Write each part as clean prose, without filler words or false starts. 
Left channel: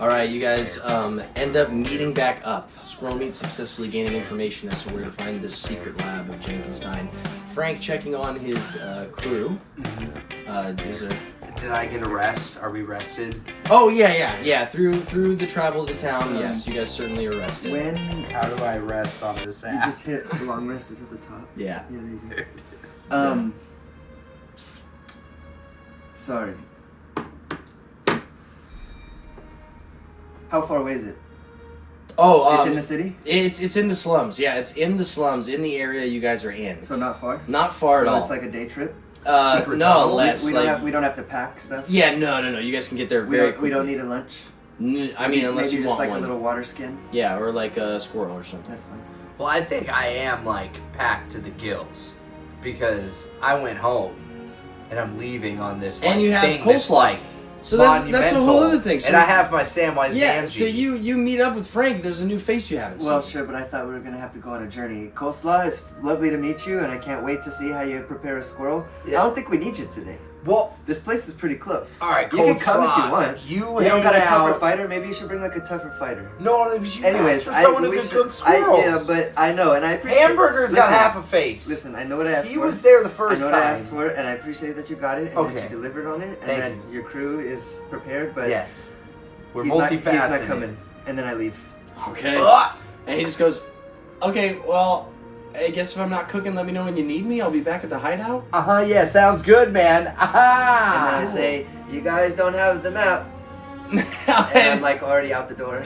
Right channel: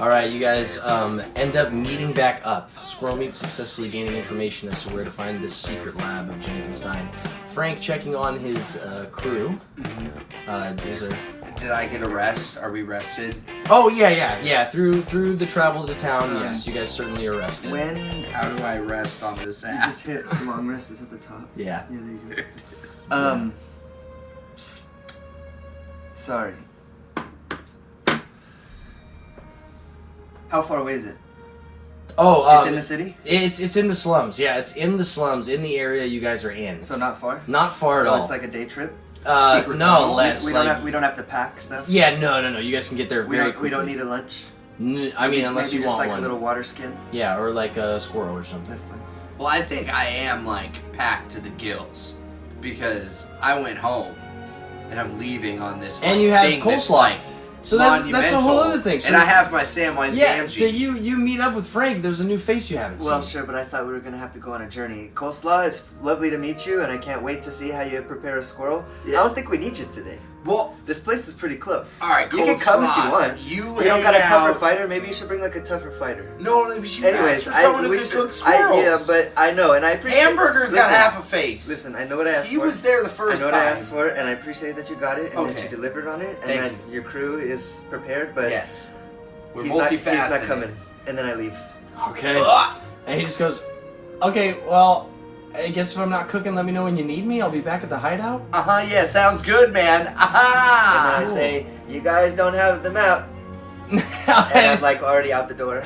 All right, you guys end up meeting back up. Squirrel Meat successfully gaining information as to where to find this secret lab of Jankenstein. Frank checking on his crew. Did I get a rest? Are we rested? Oh yeah. Through the travel to town, yes, you guys certainly are rested. How do I rest on this You app? just hit long rest is at the top. Yeah. Yeah, there you There go. it is. Sorry. How far away is it? Oh, It's in the city? It's in the slums. Yeah, it's in the slums in the area you guys are in. So not far? Not far So at all. it's like a day trip? Secret no, tunnel? less. We don't have to pack stuff? Yeah, no. You guys can get there very quickly. We don't need a lunch? I mean, unless maybe you just want like one. a little water skin? Yeah, or like a squirrel or something. That's fine. Well, I think I am like packed to the gills because I went home and I'm leaving on this like, And you have thing that's coleslaw. like So that's monumental. a whole other thing. So and I have my Samwise yeah, Gamgee. so you meet up with Frank. There's a new face you haven't Well, seen. sure, but I thought we were going to have to go on a journey. Coleslaw, it's lovely to meet you, and I can't wait to see how you prepare a squirrel. Yeah. I don't think we need you today. Well, This place is pretty close. all right, You can come if you coleslaw. want. You don't got a hang tougher out- fighter? Maybe you should bring like a tougher fighter. No, you Anyways, asked for someone who we can should- cook squirrels. yeah, but I know, and I appreciate. Hamburger's got Listen, half a face. Listen, I know what I asked He for. was there the first I know what I time. asked for, and I appreciate that you got it and Okay. that you delivered on it, and Thank that you. your crew is prepared. But Yes. We're he's multifaceted. not coming, and then I leave. Okay. Ugh. And he just goes, okay, well, I guess if I'm not cooking, let me know when you need me. I'll be back at the hideout. Yeah, sounds good, man. And then Aha! I say, "You guys don't have the map," and I'm like already out the door.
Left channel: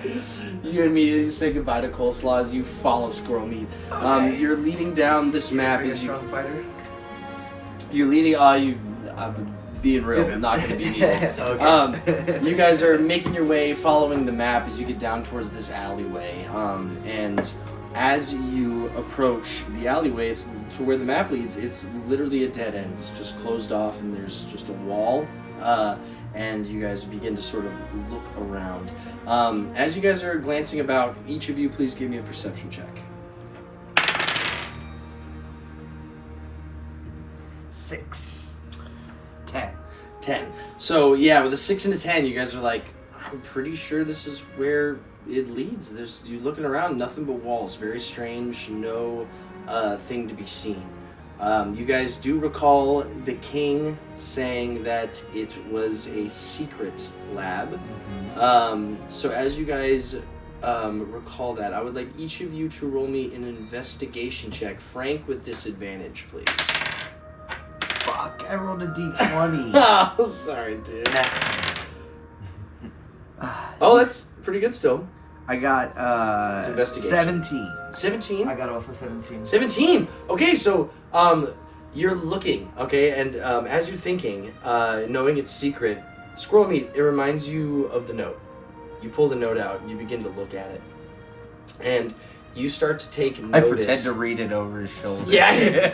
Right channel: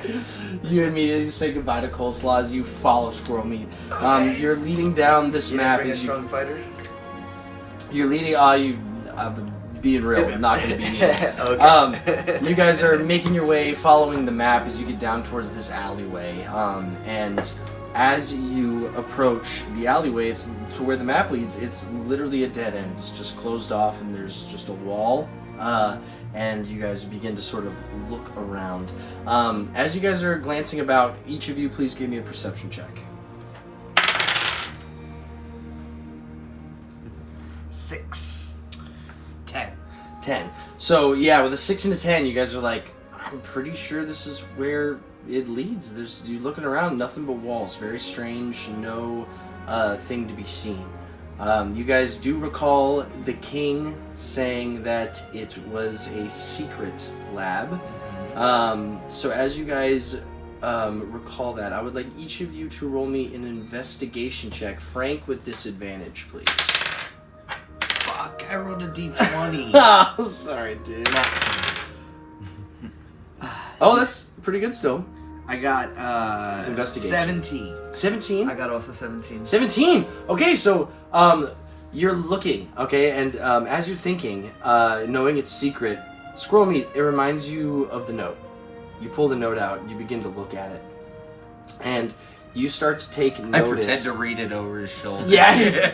You immediately say goodbye to Coleslaw as you follow Squirrel Meat. Okay. You're leading down this map Bring a as you. strong fighter. You're leading. Being real, not going to be needed. Okay. You guys are making your way, following the map as you get down towards this alleyway. And as you approach the alleyway, it's to where the map leads. It's literally a dead end. It's just closed off, and there's just a wall. And you guys begin to sort of look around. As you guys are glancing about, each of you, please give me a perception check. 6. 10. 10. So yeah, with a 6 and a 10, you guys are like, I'm pretty sure this is where it leads. You're looking around, nothing but walls. Very strange, no thing to be seen. You guys do recall the king saying that it was a secret lab. So as you guys recall that, I would like each of you to roll me an investigation check. Frank with disadvantage, please. Fuck, I rolled a d20. Oh, sorry, dude. Oh, that's pretty good still. I got It's investigation. 17. 17? I got also 17. 17! Okay, so you're looking, okay, and as you're thinking, knowing it's secret, Squirrel Meat, it reminds you of the note. You pull the note out, and you begin to look at it. And you start to take notice. I pretend to read it over his shoulder. Yeah.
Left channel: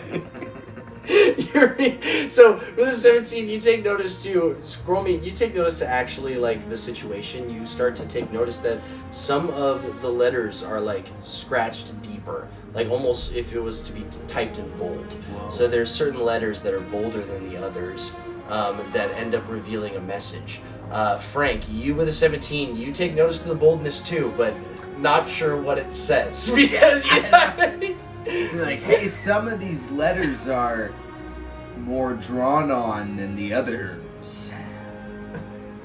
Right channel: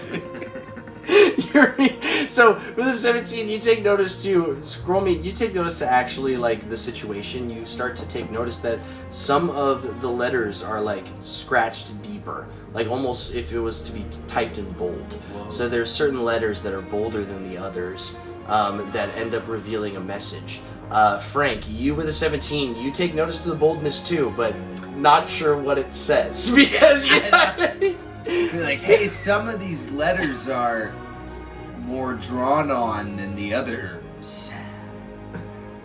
So with a 17, you take notice to Squirrel Meat. You take notice to actually like the situation. You start to take notice that some of the letters are like scratched deeper, like almost if it was to be typed in bold. Whoa. So there's certain letters that are bolder than the others that end up revealing a message. Frank, you with a 17, you take notice to the boldness too, but not sure what it says because you. You're like, hey, some of these letters are more drawn on than the others.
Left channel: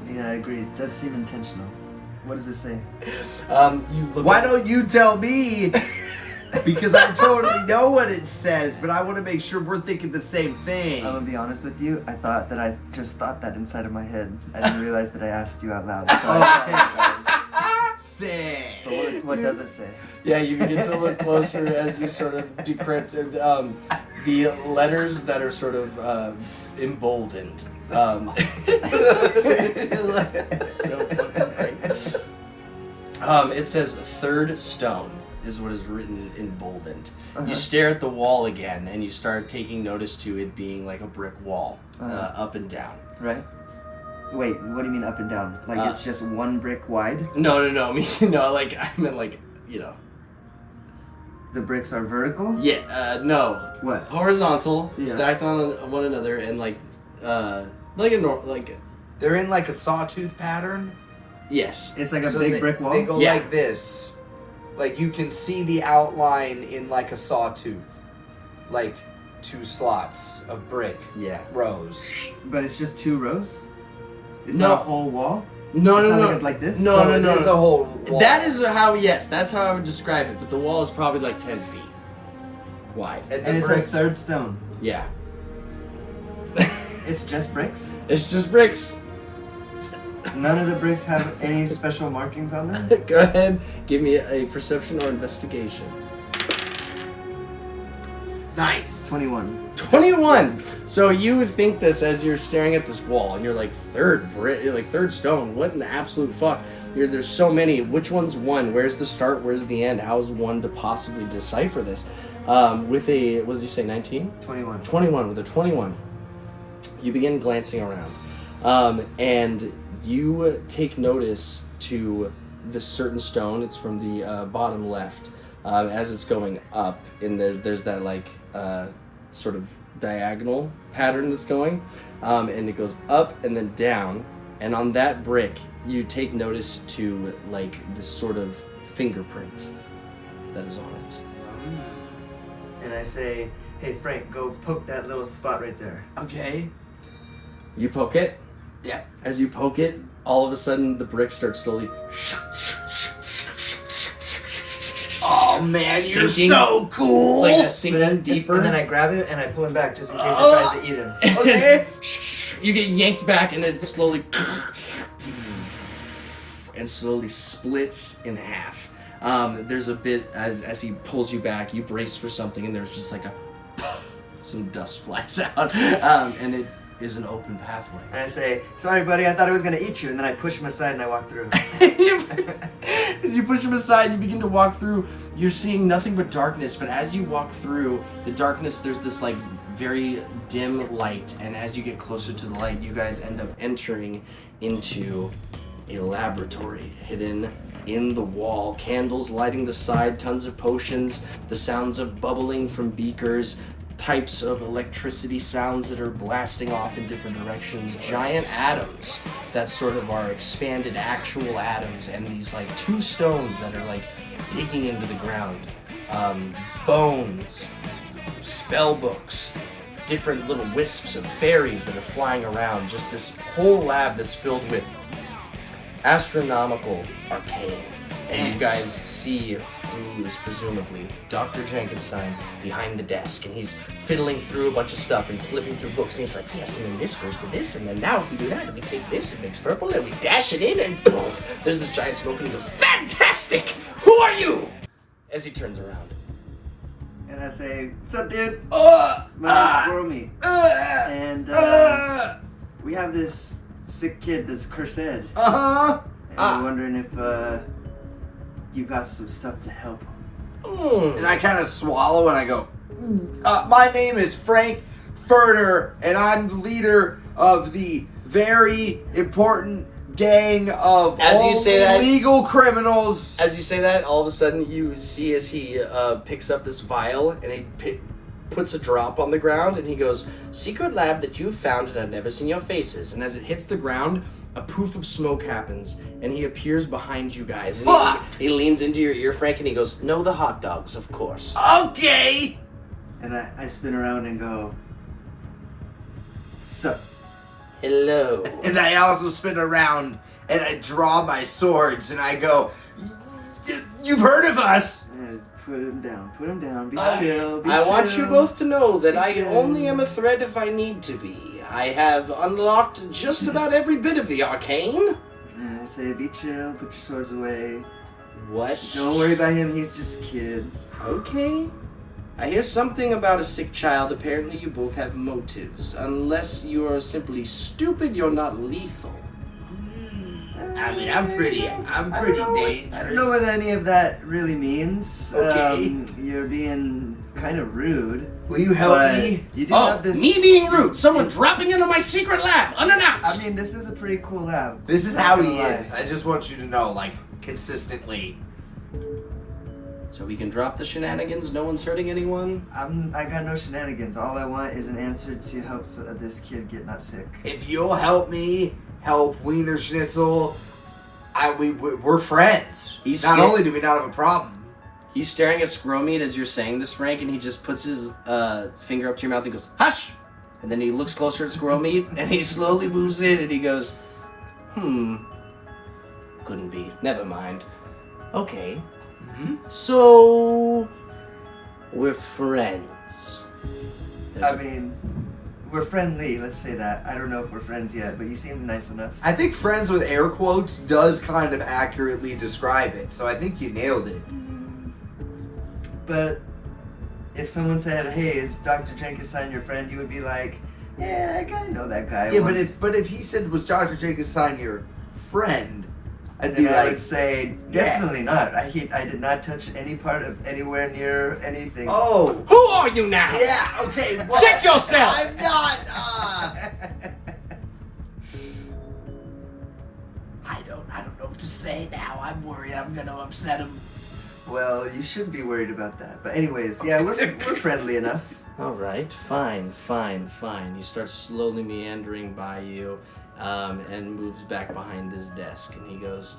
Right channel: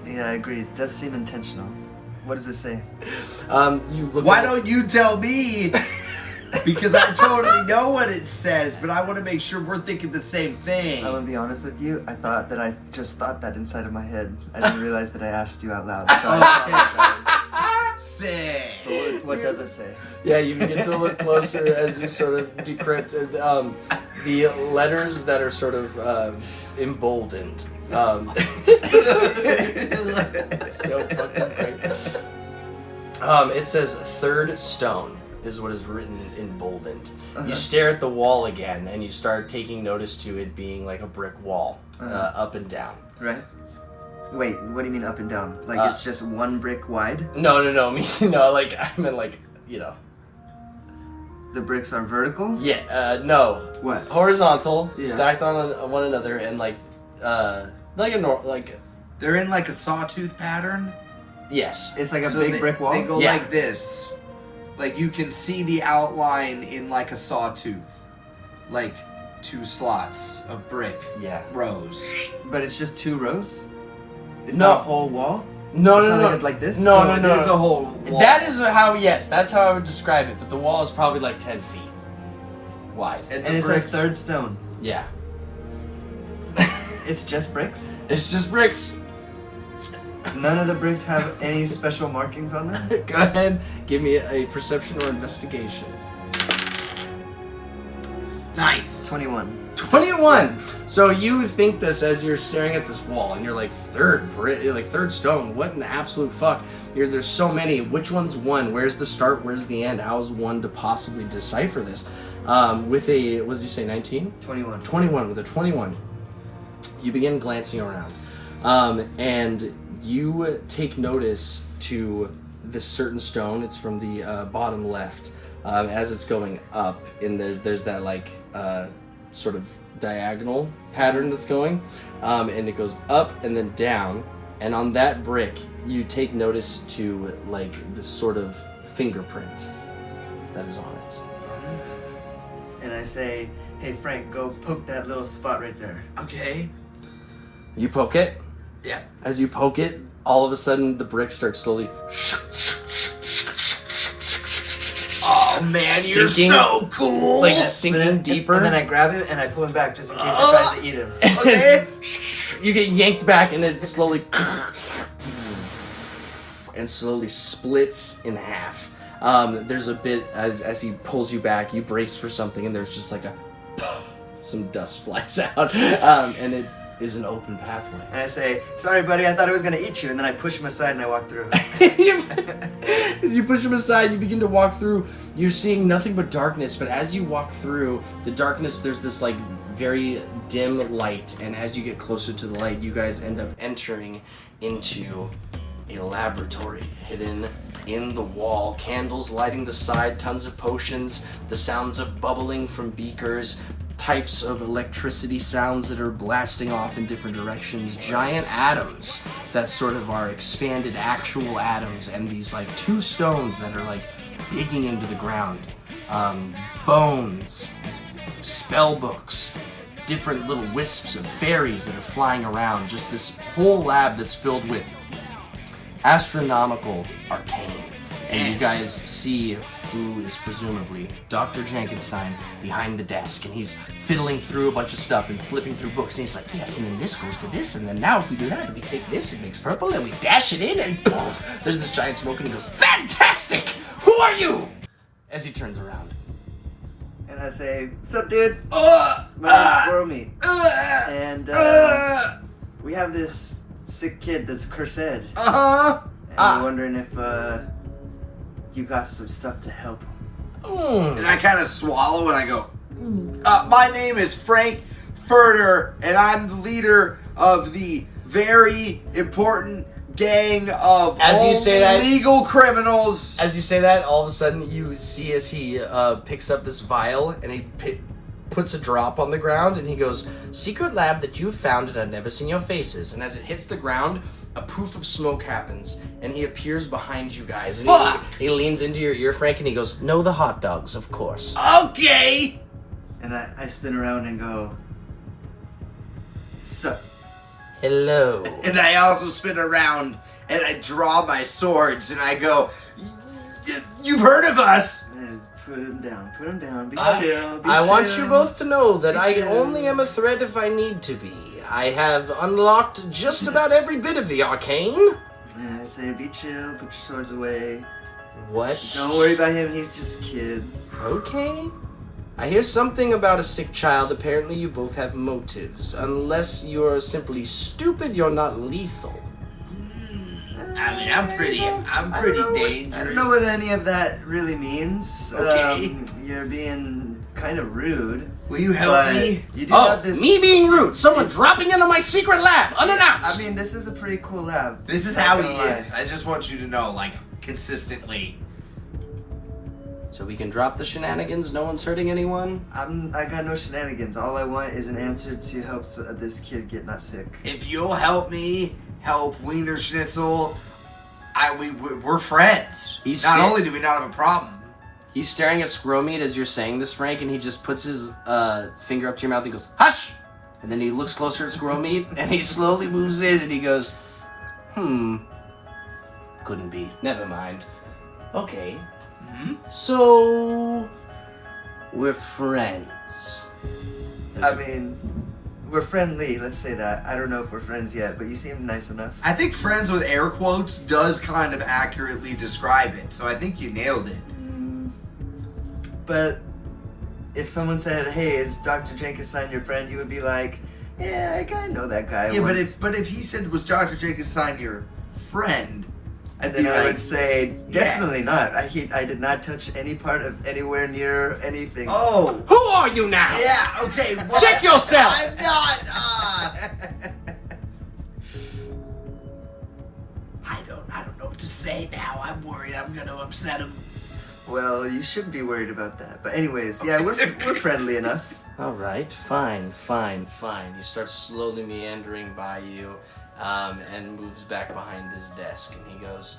Yeah, I agree. It does seem intentional. What does it say? You look Why at- don't you tell me? Because I totally know what it says, but I want to make sure we're thinking the same thing. I'm gonna be honest with you. I just thought that inside of my head. I didn't realize that I asked you out loud. So I apologize. Sick. But what does it say? Yeah, you begin to look closer as you sort of decrypt the letters that are sort of emboldened. So fucking great. It says third stone is what is written emboldened. Uh-huh. You stare at the wall again, and you start taking notice to it being like a brick wall, up and down. Right? Wait, what do you mean up and down? Like it's just one brick wide? No, like I meant like, you know. The bricks are vertical? Yeah, no. What? Horizontal, Yeah. stacked on one another, and like a They're in like a sawtooth pattern. Yes. It's like a So big brick wall. They go Yeah. like this. Like you can see the outline in like a sawtooth. Like 2 slots of brick Yeah. rows. But it's just 2 rows? It's No. not a whole wall? No, It's no, not no. like this? No, So no, no. it is a whole wall. That is how, yes, that's how I would describe it. But the wall is probably like 10 feet wide. the And it bricks- says 3rd stone. Yeah. It's just bricks? It's just bricks. None of the bricks have any special markings on them? Go ahead, give me a perception or investigation. Nice. 21. 21. So you think this as you're staring at this wall, and you're like, third stone. What in the absolute fuck? There's so many. Which one's one? Where's the start? Where's the end? How is one to possibly decipher this? With a, what did you say, 19? 21. 21. With a 21, you begin glancing around, and you take notice to this certain stone. It's from the bottom left. As it's going up, and there's that like sort of diagonal pattern that's going, and it goes up and then down, and on that brick you take notice to like this sort of fingerprint that is on it. And I say, hey Frank, go poke that little spot right there. Okay. You poke it. Yeah. As you poke it, all of a sudden the brick starts slowly Oh man, you're Sinking. so cool. like But sinking then, deeper. And then I grab it and I pull him back just in case it tries to eat him. Okay. You get yanked back, and it slowly and slowly splits in half. There's a bit as he pulls you back, you brace for something, and there's just like some dust flies out, and it is an open pathway. And I say, sorry buddy, I thought it was gonna eat you, and then I push him aside and I walk through. As you push him aside, you begin to walk through. You're seeing nothing but darkness, but as you walk through the darkness, there's this like very dim light, and as you get closer to the light, you guys end up entering into a laboratory hidden in the wall. Candles lighting the side, tons of potions, the sounds of bubbling from beakers, types of electricity sounds that are blasting off in different directions, giant atoms that sort of are expanded actual atoms, and these like 2 stones that are like digging into the ground, bones, spell books, different little wisps of fairies that are flying around, just this whole lab that's filled with astronomical arcane. And you guys see who is presumably Dr. Jankenstein behind the desk, and he's fiddling through a bunch of stuff and flipping through books, and he's like, yes, and then this goes to this, and then now if we do that, and we take this, it makes purple, and we dash it in, and poof, there's this giant smoke, and he goes, fantastic! Who are you? As he turns around. And I say, what's up dude? Uh, My name's Squirrel Meat. uh, And uh, we have this sick kid that's cursed. And uh-huh. we're wondering if you got some stuff to help him. And I kind of swallow and I go, my name is Frank Furter, and I'm the leader of the very important gang of As you say that- legal criminals. As you say that, all of a sudden you see as he picks up this vial and he puts a drop on the ground, and he goes, secret lab that you've founded, I've never seen your faces. And as it hits the ground, a poof of smoke happens, and he appears behind you guys. And Fuck! he leans into your ear, Frank, and he goes, no, the hot dogs, of course. Okay. And I spin around and go, sup. Hello. And I also spin around and I draw my swords and I go, you've heard of us. And put him down, be Okay. chill, be I chill. want you both to know that Be I chill. only am a threat if I need to be. I have unlocked just about every bit of the arcane. And I say, be chill, put your swords away. What? Don't worry about him, he's just a kid. Okay. I hear something about a sick child. Apparently you both have motives. Unless you're simply stupid, you're not lethal. I mean, I'm pretty dangerous. I don't know what any of that really means. Okay. You're being kind of rude. Will you help but me? You do Oh, have this. me being rude. Someone dropping into my secret lab, unannounced. I mean, this is a pretty cool lab. This is Not how he gonna lie. is. I just want you to know, like, consistently. So we can drop the shenanigans, no one's hurting anyone? I got no shenanigans. All I want is an answer to help this kid get not sick. If you'll help me help Wiener Schnitzel, we're friends. Not only do we not have a problem. He's staring at squirrel meat as you're saying this, Frank, and he just puts his finger up to your mouth and goes, "Hush!" And then he looks closer at squirrel meat, and he slowly moves in, and he goes, couldn't be. Never mind. Okay. So, we're friends. I mean, we're friendly, let's say that. I don't know if we're friends yet, but you seem nice enough. I think friends with air quotes does kind of accurately describe it, so I think you nailed it. But if someone said, "Hey, is Dr. Jankenstein your friend?" you would be like, "Yeah, I know that guy." Yeah, but if he said, "Was Dr. Jankenstein your friend?" I'd then be I like, would say, "Definitely not. I did not touch any part of anywhere near anything." "Oh, Who are you now? yeah, okay, well, Check yourself!" I'm not, I don't know what to say now. I'm worried I'm gonna upset him. Well, you shouldn't be worried about that. But anyways, yeah, we're friendly enough. All right, fine. He starts slowly meandering by you and moves back behind his desk. And he goes,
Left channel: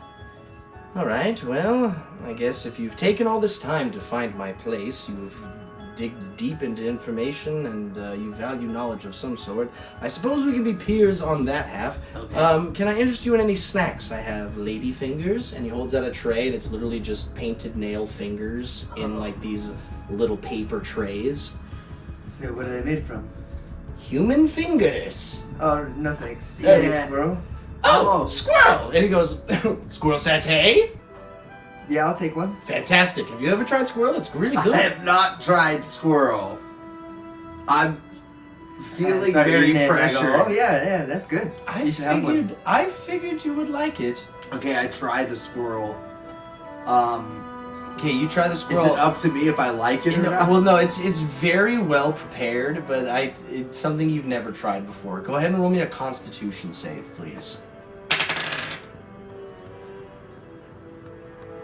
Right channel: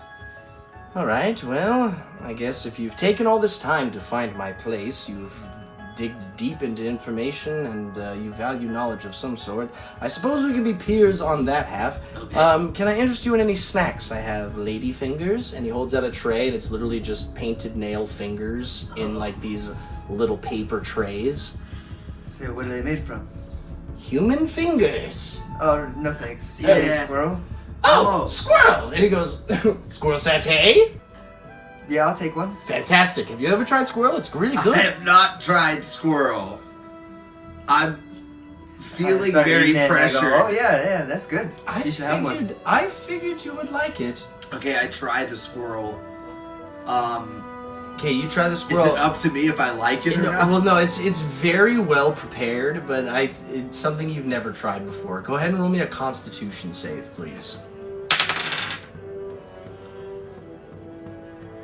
"All right, well, I guess if you've taken all this time to find my place, you've digged deep into information and you value knowledge of some sort. I suppose we can be peers on that half. Okay. Can I interest you in any snacks? I have lady fingers," and he holds out a tray, and it's literally just painted nail fingers in like these little paper trays. So what are they made from? Human fingers. Oh, no thanks. You got any Yeah. squirrel? Oh, squirrel! And he goes, "Squirrel satay? Yeah, I'll take one. Fantastic. Have you ever tried squirrel? It's really I good." have not tried squirrel. I'm feeling Start very eating it and I pressured. go, "Oh yeah, that's good. You should have one." I figured you would like it. Okay, I tried the squirrel. Okay, you try the Is squirrel. it up to me if I like it or not? Well, no, it's very well prepared, but it's something you've never tried before. Go ahead and roll me a Constitution save, please.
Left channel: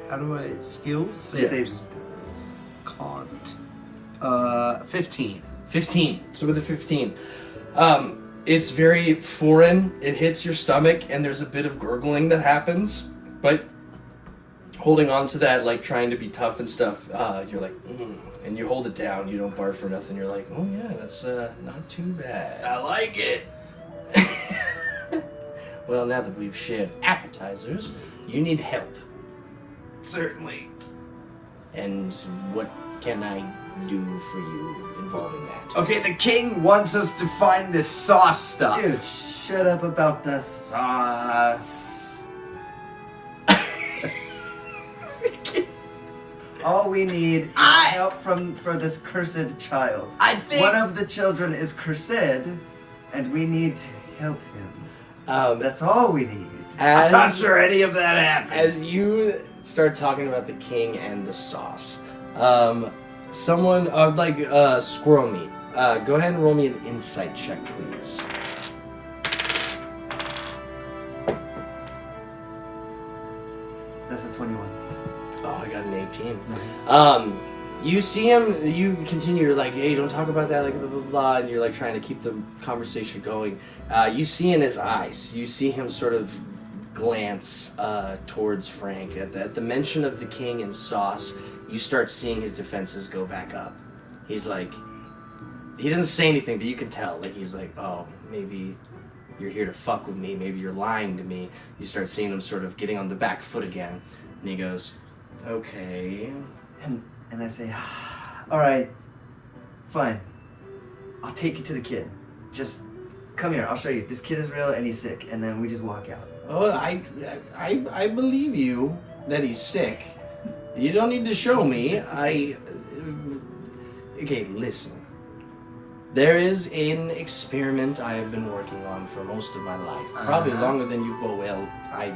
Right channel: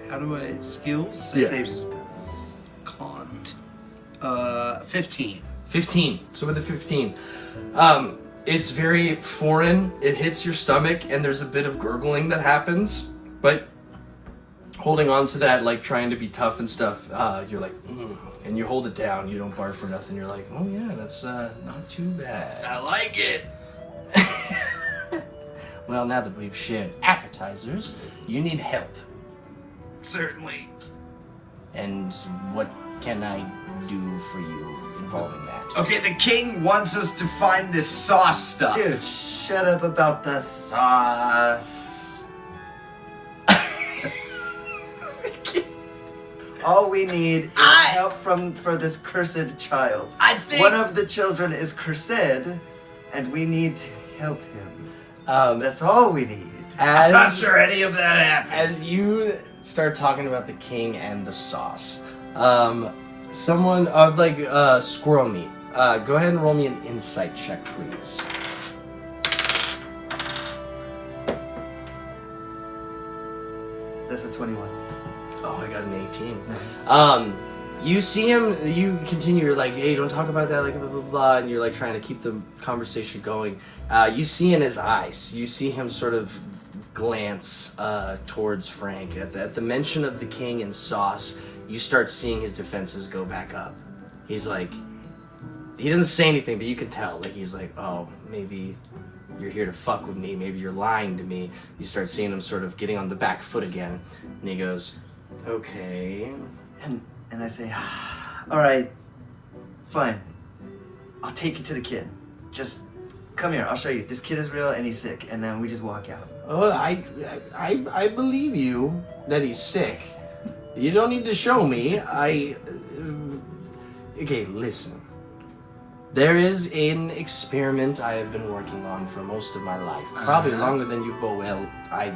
How do I skills? Saves. Cont. 15. 15. So with a 15, it's very foreign. It hits your stomach, and there's a bit of gurgling that happens. But holding on to that, like trying to be tough and stuff, you're like, and you hold it down. You don't barf or nothing. You're like, "Oh yeah, that's not too bad." I like it. Well, now that we've shared appetizers, you need help. Certainly. And what can I do for you involving that? Okay, the king wants us to find this sauce stuff. Dude, shut up about the sauce. All we need is help for this cursed child. I think One of the children is cursed, and we need to help him. That's all we need. I'm not sure any of that happened. As you start talking about the king and the sauce, someone squirrel meat. Go ahead and roll me an insight check, please. That's a 21. Oh, I got an 18. Nice. You see him, you continue, you're like, "Hey, don't talk about that, like, blah, blah, blah," and you're, like, trying to keep the conversation going. You see in his eyes, you see him sort of glance towards Frank. At the mention of the king and sauce, you start seeing his defenses go back up. He's like, he doesn't say anything, but you can tell, like, he's like, "Oh, maybe you're here to fuck with me, maybe you're lying to me." You start seeing him sort of getting on the back foot again, and he goes, "Okay." And I say, "All right, fine. I'll take you to the kid. Just come here. I'll show you. This kid is real and he's sick." And then we just walk out. Oh, I believe you that he's sick. You don't need to show me. Okay, listen. There is an experiment I have been working on for most of my life. Probably longer than you, well, I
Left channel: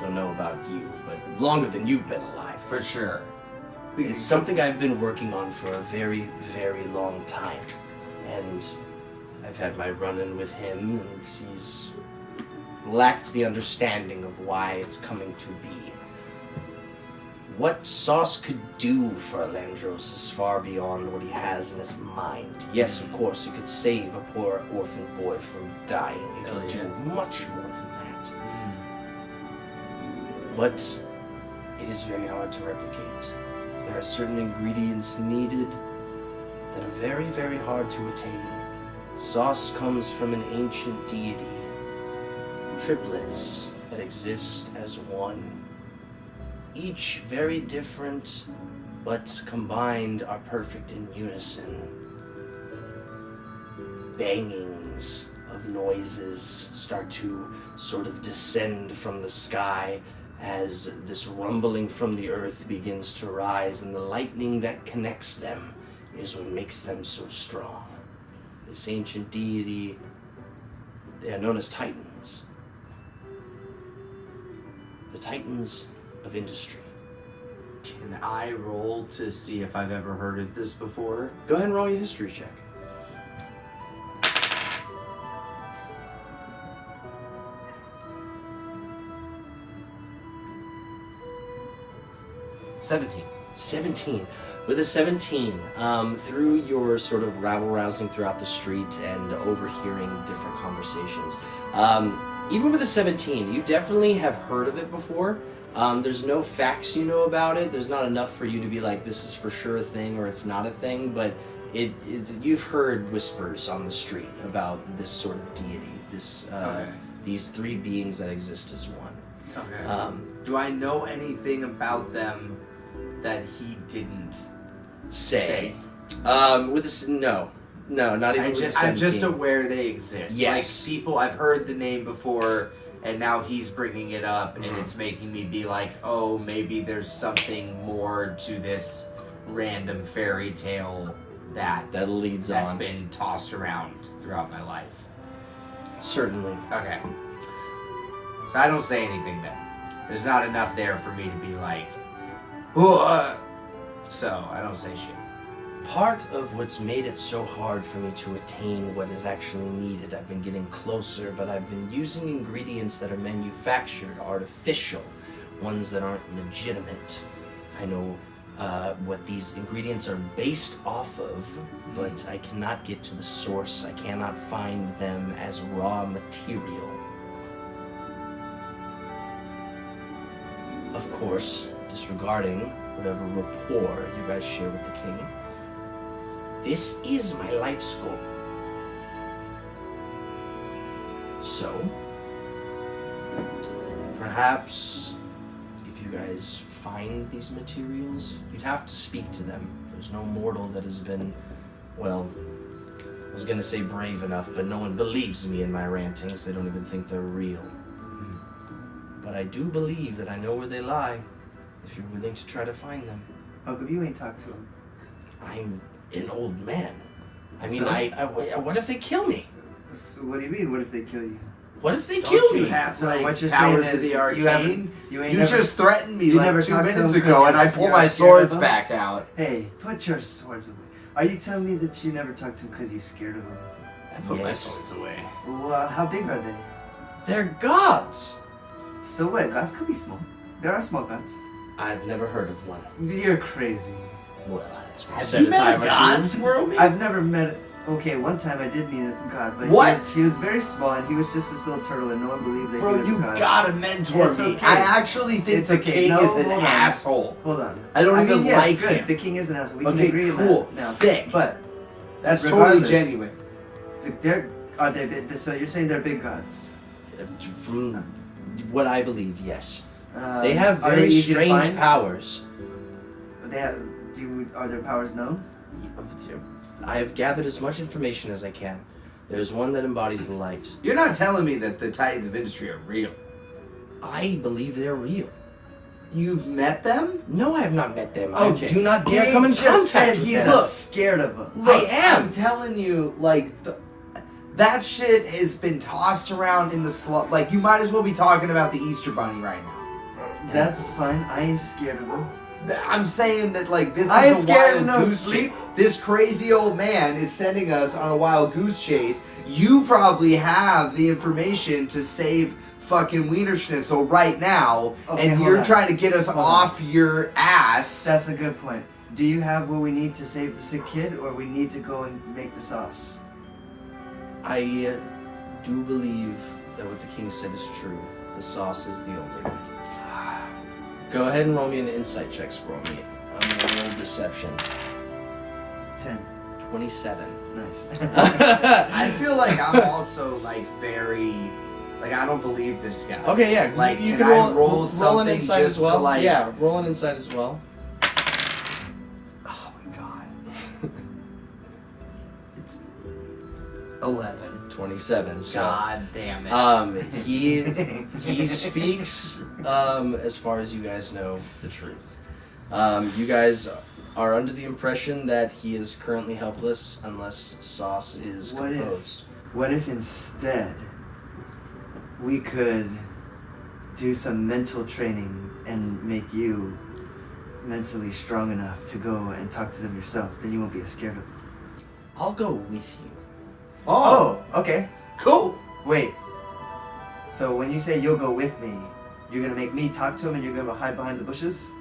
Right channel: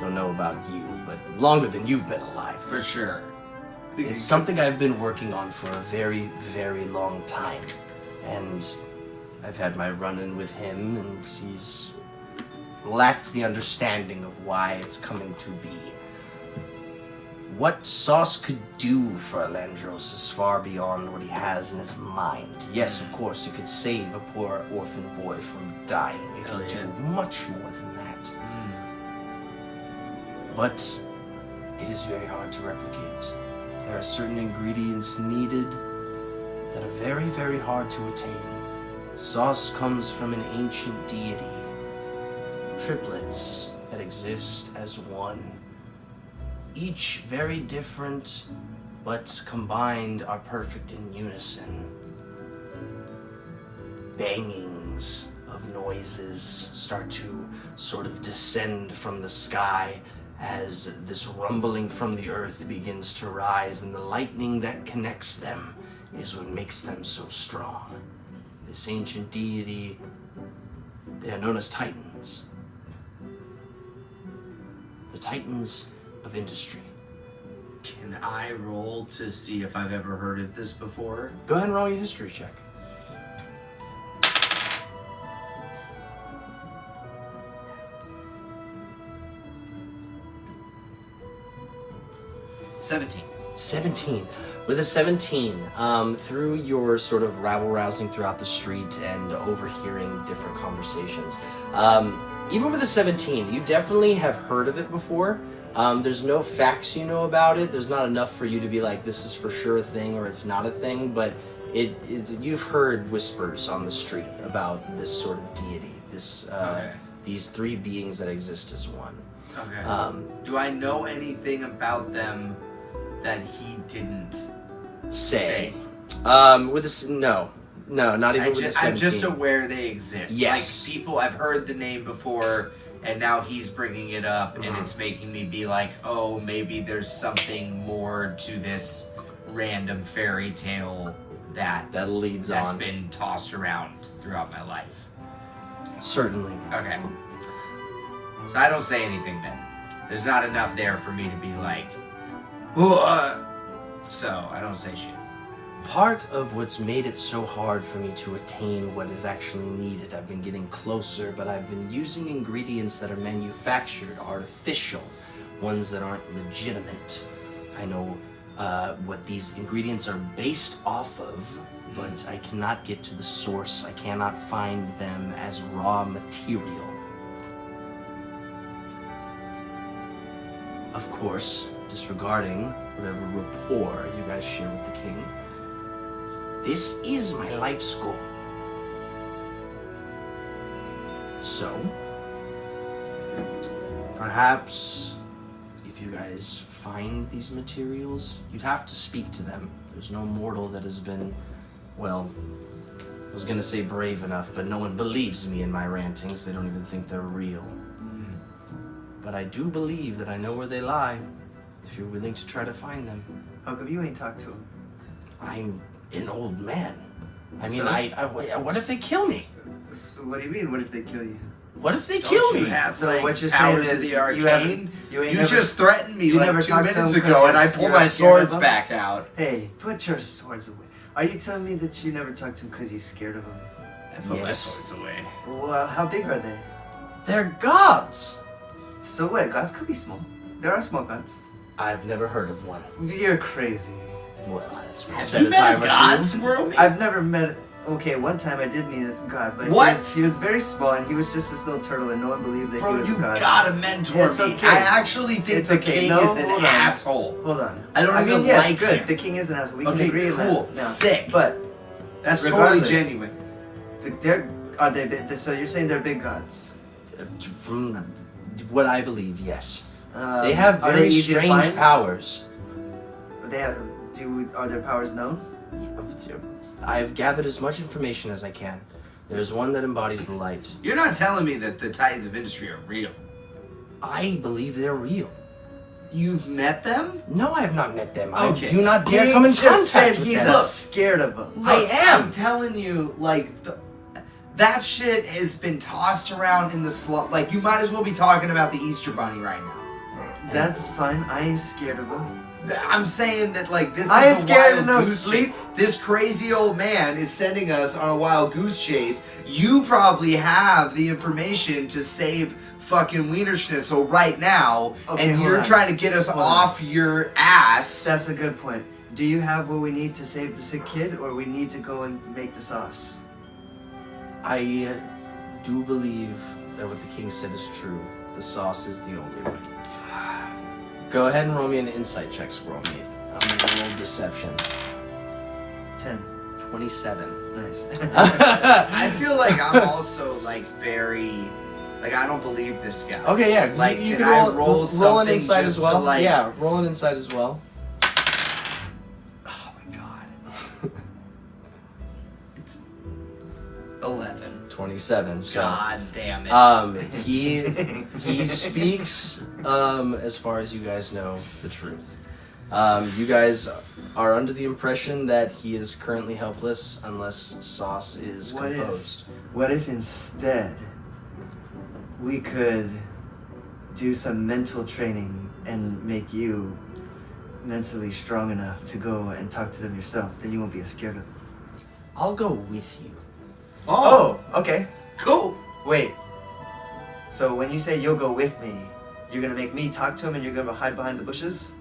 don't know about you, but longer than you've been alive. For sure. It's something I've been working on for a very, very long time. And I've had my run-in with him, and he's lacked the understanding of why it's coming to be. What sauce could do for Landros is far beyond what he has in his mind. Yes, of course, it could save a poor orphan boy from dying. It could do much more than that. but it is very hard to replicate. There are certain ingredients needed that are very, very hard to attain. Sauce comes from an ancient deity. Triplets that exist as one. Each very different, but combined are perfect in unison. Bangings of noises start to sort of descend from the sky as this rumbling from the earth begins to rise, and the lightning that connects them is what makes them so strong. This ancient deity, they are known as Titans. The Titans of industry. Can I roll to see if I've ever heard of this before? Go ahead and roll your history check. $17. 17. With a 17, through your sort of rabble-rousing throughout the street and overhearing different conversations, even with a 17, you definitely have heard of it before. There's no facts you know about it. There's not enough for you to be like, this is for sure a thing or it's not a thing, but you've heard whispers on the street about this sort of deity, these three beings that exist as one. Okay. Do I know anything about them that he didn't say? With this, no, not even. I'm just aware they exist. Yes. Like people, I've heard the name before, and now he's bringing it up, and it's making me be like, oh, maybe there's something more to this random fairy tale that's been tossed around throughout my life. Certainly. Okay. So I don't say anything then. There's not enough there for me to be like, so I don't say shit. Part of what's made it so hard for me to attain what is actually needed, I've been getting closer, but I've been using ingredients that are manufactured, artificial, ones that aren't legitimate. I know what these ingredients are based off of, but I cannot get to the source. I cannot find them as raw material. Of course, disregarding whatever rapport you guys share with the king, this is my life's goal. So, perhaps if you guys find these materials, you'd have to speak to them. There's no mortal that has been, well, I was gonna say brave enough, but no one believes me in my rantings. They don't even think they're real. But I do believe that I know where they lie, if you're willing to try to find them. How come you ain't talked to him? I'm an old man. I mean, So? what if they kill me? So what do you mean, what if they kill you? What if they Don't kill you me? have So like what you're powers saying of the is arcane? you You never- just threatened me you like never 2 talked to minutes him 'cause ago, and I you're pull my scared swords of him? back out. Hey, put your swords away. Are you telling me that you never talked to him because you're scared of him? I put my Yes. swords away. Well, how big are they? They're gods! So what? Gods could be small. There are small gods. I've never heard of one. You're crazy. Well, it's been Have said you a met time a or god, two. Squirrel Man? I've never met. Okay, one time I did meet a god, but What? he was very small and he was just this little turtle, and no one believed that Bro, he was you a god. gotta mentor It's me. okay. I actually think It's the okay. king No, is an hold on. asshole. Hold on. I don't even mean, yes, like good. him. The king is an asshole. We can Okay, agree on cool. that. now. Sick. But That's regardless, totally genuine. are they? So you're saying they're big gods? From what I believe, yes. Um, They have are they very easy to strange find? powers. They have. Are their powers known? I have gathered as much information as I can. There's one that embodies the light. You're not telling me that the Titans of Industry are real. I believe they're real. You've met them? No, I have not met them. Okay. I do not dare He come in just said contact with he's them. not scared of them. Look, I am. I'm telling you, like, that shit has been tossed around in the like, you might as well be talking about the Easter Bunny right now. That's fine. I ain't scared of them. I'm saying that, like, this I ain't is a scared wild of no goose sleep. chase. This crazy old man is sending us on a wild goose chase. You probably have the information to save fucking Wiener Schnitzel right now, Okay, and hold you're on. trying to get us Hold on. off your ass. That's a good point. Do you have what we need to save the sick kid, or we need to go and make the sauce? I do believe that what the king said is true. The sauce is the only way. Go ahead and roll me an insight check, Squirrel Meat. I'm gonna roll deception. 10. 27. Nice. I feel like I'm also like very, like I don't believe this guy. Okay, yeah. Like, you can can I roll an something insight just as well. to like? Yeah, roll an insight as well. Oh my god. It's 11. 27. So, God damn it. he speaks, as far as you guys know, the truth. You guys are under the impression that he is currently helpless unless Sauce is composed. What if instead we could do some mental training and make you mentally strong enough to go and talk to them yourself? Then you won't be as scared of them. I'll go with you. Oh, okay. Cool. Wait. So when you say you'll go with me, you're gonna make me talk to him and you're gonna hide behind the bushes?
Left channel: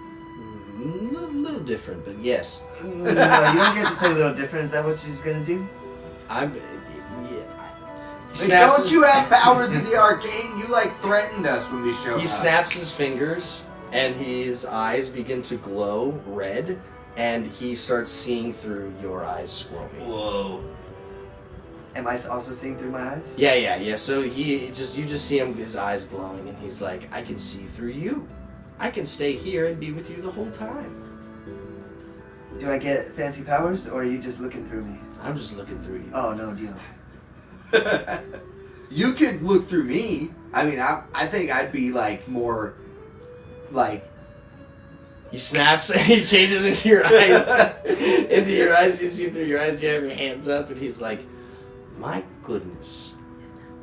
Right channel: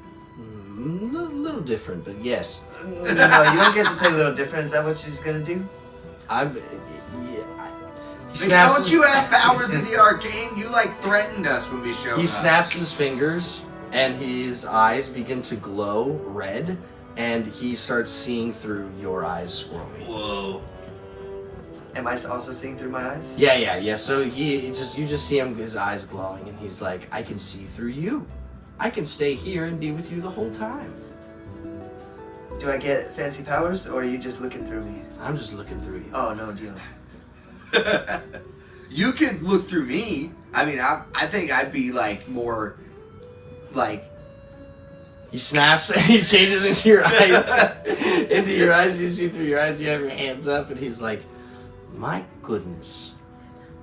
A little different, but yes. No, you don't get to say a little different. Is that what she's gonna do? Like, don't you have powers in the arcane? You like threatened us when we showed up. He snaps his fingers, and his eyes begin to glow red, and he starts seeing through your eyes, Squirrel Meat. Whoa. Am I also seeing through my eyes? Yeah. So you just see him, his eyes glowing, and he's like, I can see through you. I can stay here and be with you the whole time. Do I get fancy powers, or are you just looking through me? I'm just looking through you. Oh, no deal. You could look through me. I mean, I think I'd be like more, like. He snaps and he changes into your eyes. Into your eyes, you see through your eyes. You have your hands up, and he's like, my goodness.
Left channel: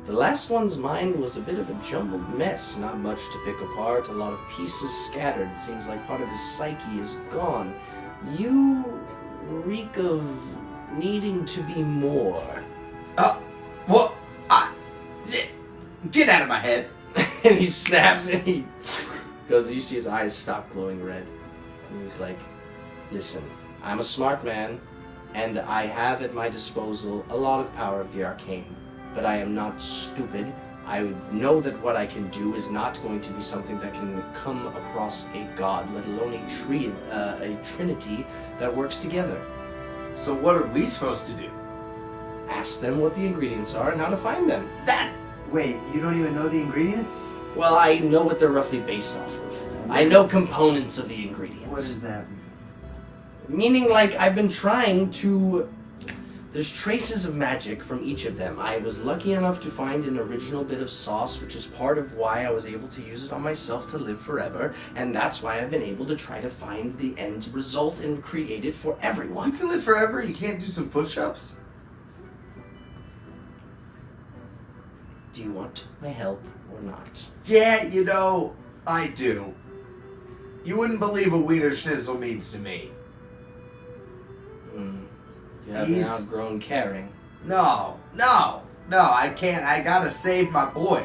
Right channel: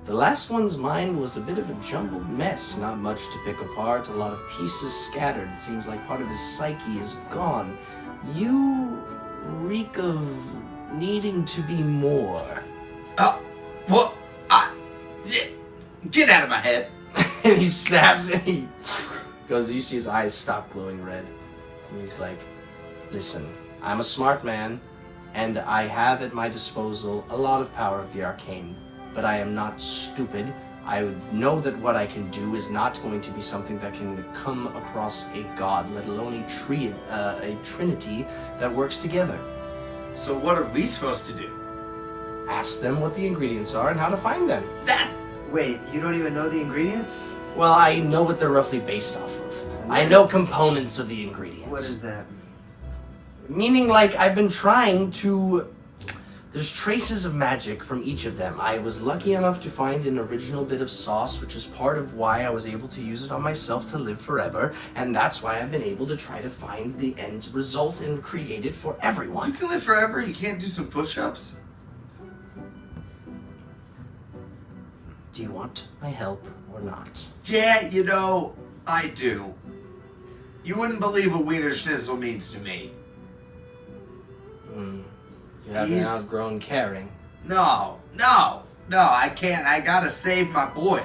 The last one's mind was a bit of a jumbled mess. Not much to pick apart. A lot of pieces scattered. It seems like part of his psyche is gone. You reek of needing to be more. Well, yeah. Get out of my head. And he snaps and he goes, you see his eyes stop glowing red. And he's like, listen, I'm a smart man, and I have at my disposal a lot of power of the arcane, but I am not stupid. I would know that what I can do is not going to be something that can come across a god, let alone a trinity that works together. So what are we supposed to do? Ask them what the ingredients are and how to find them. Wait, you don't even know the ingredients? Well, I know what they're roughly based off of. I know components of the ingredients. What does that mean? Meaning, like, I've been trying to... There's traces of magic from each of them. I was lucky enough to find an original bit of sauce, which is part of why I was able to use it on myself to live forever, and that's why I've been able to try to find the end result and create it for You everyone. can live forever. You can't do some push-ups. Do you want my help or not? Yeah, you know, I do. You wouldn't believe what Wiener Schnitzel means to me. You haven't outgrown caring. No, I can't. I gotta save my boys.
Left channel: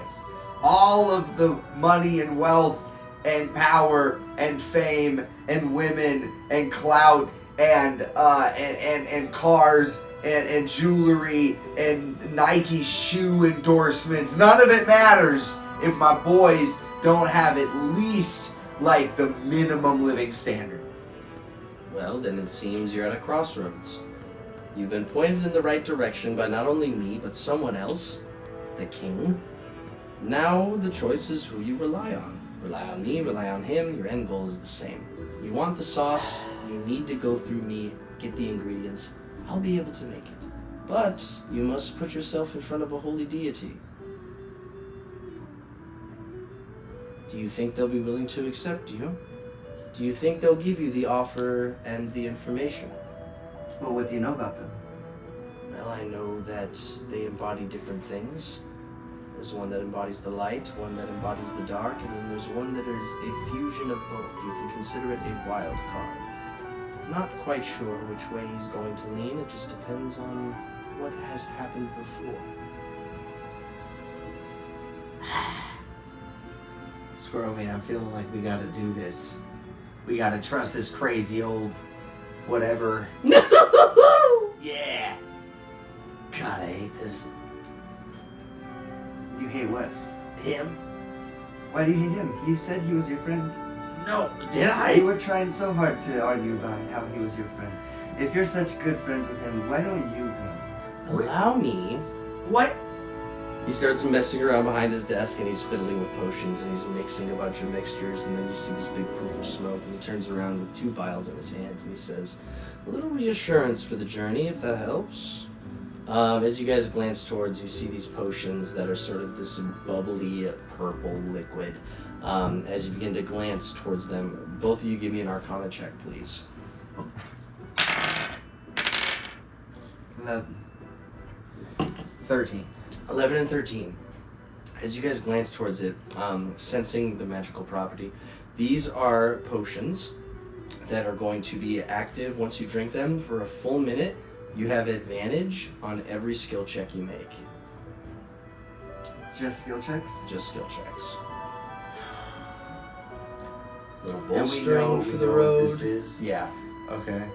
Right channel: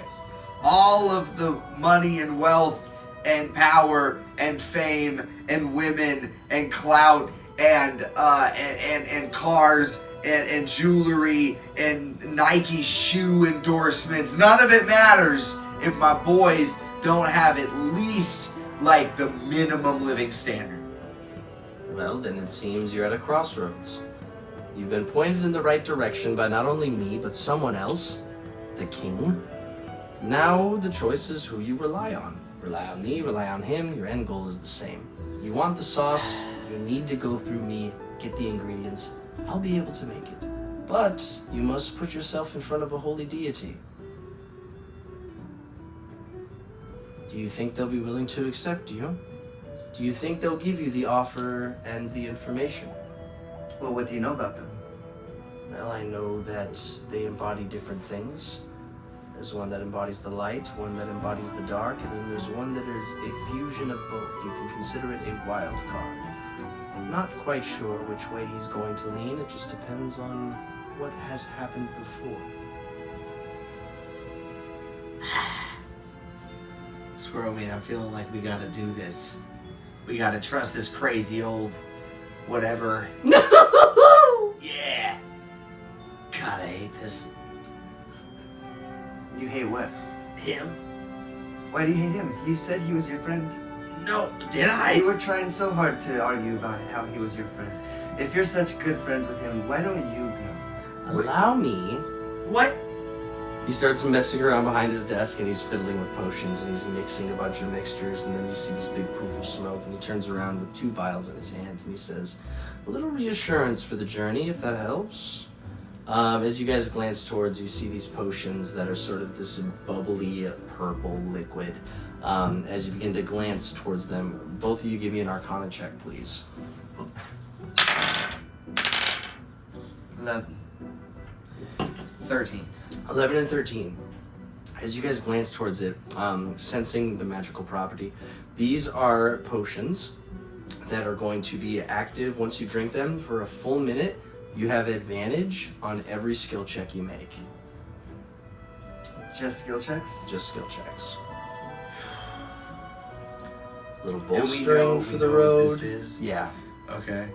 All of the money and wealth and power and fame and women and clout and cars and jewelry and Nike shoe endorsements, none of it matters if my boys don't have at least like the minimum living standard. Well, then it seems you're at a crossroads. You've been pointed in the right direction by not only me, but someone else, the king. Now the choice is who you rely on. Rely on me, rely on him, your end goal is the same. You want the sauce, you need to go through me, get the ingredients. I'll be able to make it. But you must put yourself in front of a holy deity. Do you think they'll be willing to accept you? Do you think they'll give you the offer and the information? Well, what do you know about them? Well, I know that they embody different things. There's one that embodies the light, one that embodies the dark, and then there's one that is a fusion of both. You can consider it a wild card. I'm not quite sure which way he's going to lean. It just depends on what has happened before. Squirrel Man, I'm feeling like we gotta do this. We gotta trust this crazy old whatever. Yeah. God, I hate this. You hate what? Him? Why do you hate him? You said he was your friend. No, did You I? were trying so hard to argue about how he was your friend. If you're such good friends with him, why don't you go? Allow me. What? He starts messing around behind his desk and he's fiddling with potions and he's mixing a bunch of mixtures and then you see this big poof of smoke and he turns around with 2 vials in his hand and he says, "A little reassurance for the journey, if that helps." As you guys glance towards, you see these potions that are sort of this bubbly purple liquid. As you begin to glance towards them, both of you give me an Arcana check, please. 11. 13. 11 and 13. As you guys glance towards it, sensing the magical property, these are potions that are going to be active once you drink them for a full minute. You have advantage on every skill check you make. Just skill checks? Just skill checks. Little And we bolstering know, for we the know road. what this is. Yeah. Okay.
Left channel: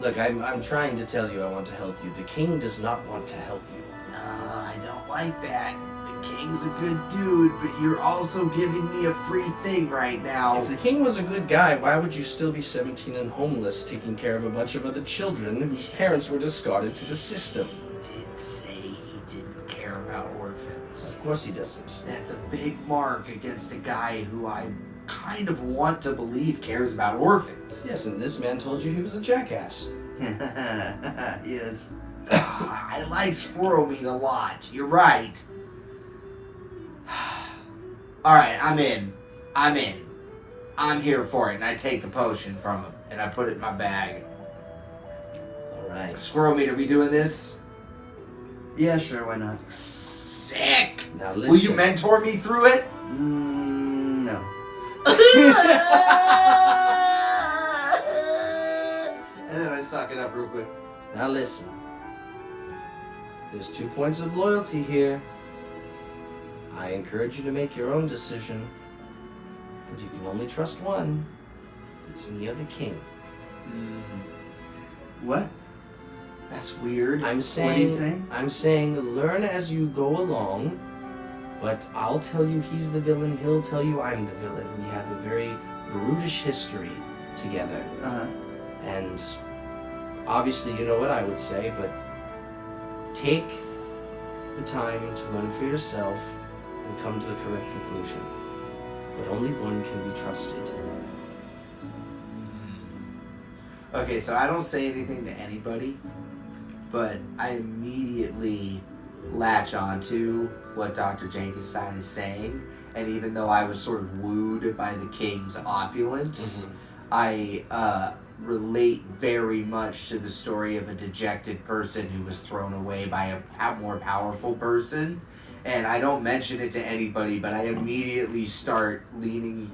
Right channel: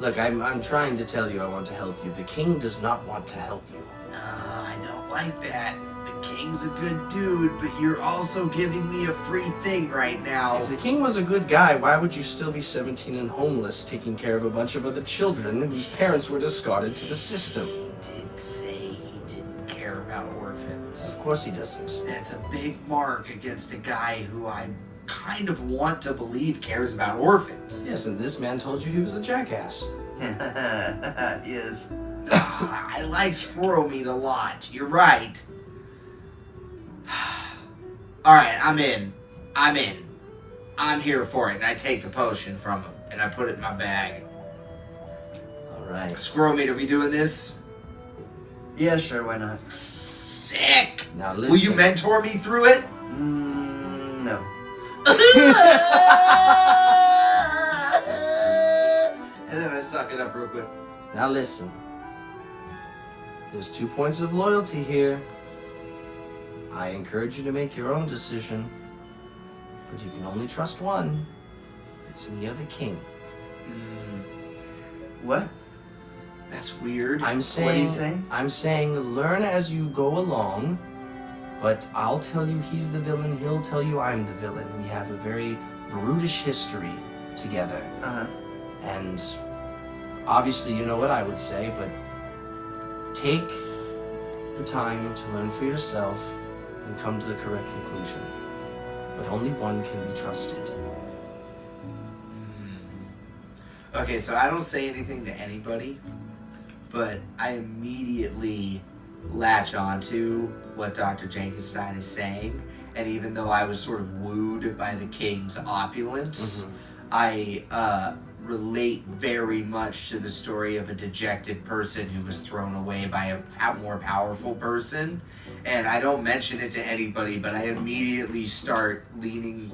Look, I'm trying to tell you I want to help you. The king does not want to help you. No, I don't like that. The king's a good dude, but you're also giving me a free thing right now. If the king was a good guy, why would you still be 17 and homeless, taking care of a bunch of other children whose parents were discarded to the system? He did say he didn't care about orphans. Of course he doesn't. That's a big mark against a guy who I kind of want to believe cares about orphans. Yes, and this man told you he was a jackass. Yes. I like squirrel meat a lot. You're right. Alright, I'm in. I'm here for it. And I take the potion from him and I put it in my bag. Alright. Squirrel meat, are we doing this? Yeah, sure, why not? Sick! Now listen. Will you mentor me through it? No. And then I suck it up real quick. Now listen. There's 2 points of loyalty here. I encourage you to make your own decision. But you can only trust one. It's me or the king. What? That's weird. I'm saying, What are you saying? I'm saying learn as you go along, but I'll tell you he's the villain, he'll tell you I'm the villain. We have a very brutish history together. Uh-huh. And obviously you know what I would say, but take the time to learn for yourself and come to the correct conclusion. But only one can be trusted. Okay, so I don't say anything to anybody, but I immediately latch on to what Dr. Jankenstein is saying. And even though I was sort of wooed by the king's opulence, I relate very much to the story of a dejected person who was thrown away by a more powerful person. And I don't mention it to anybody, but I immediately start leaning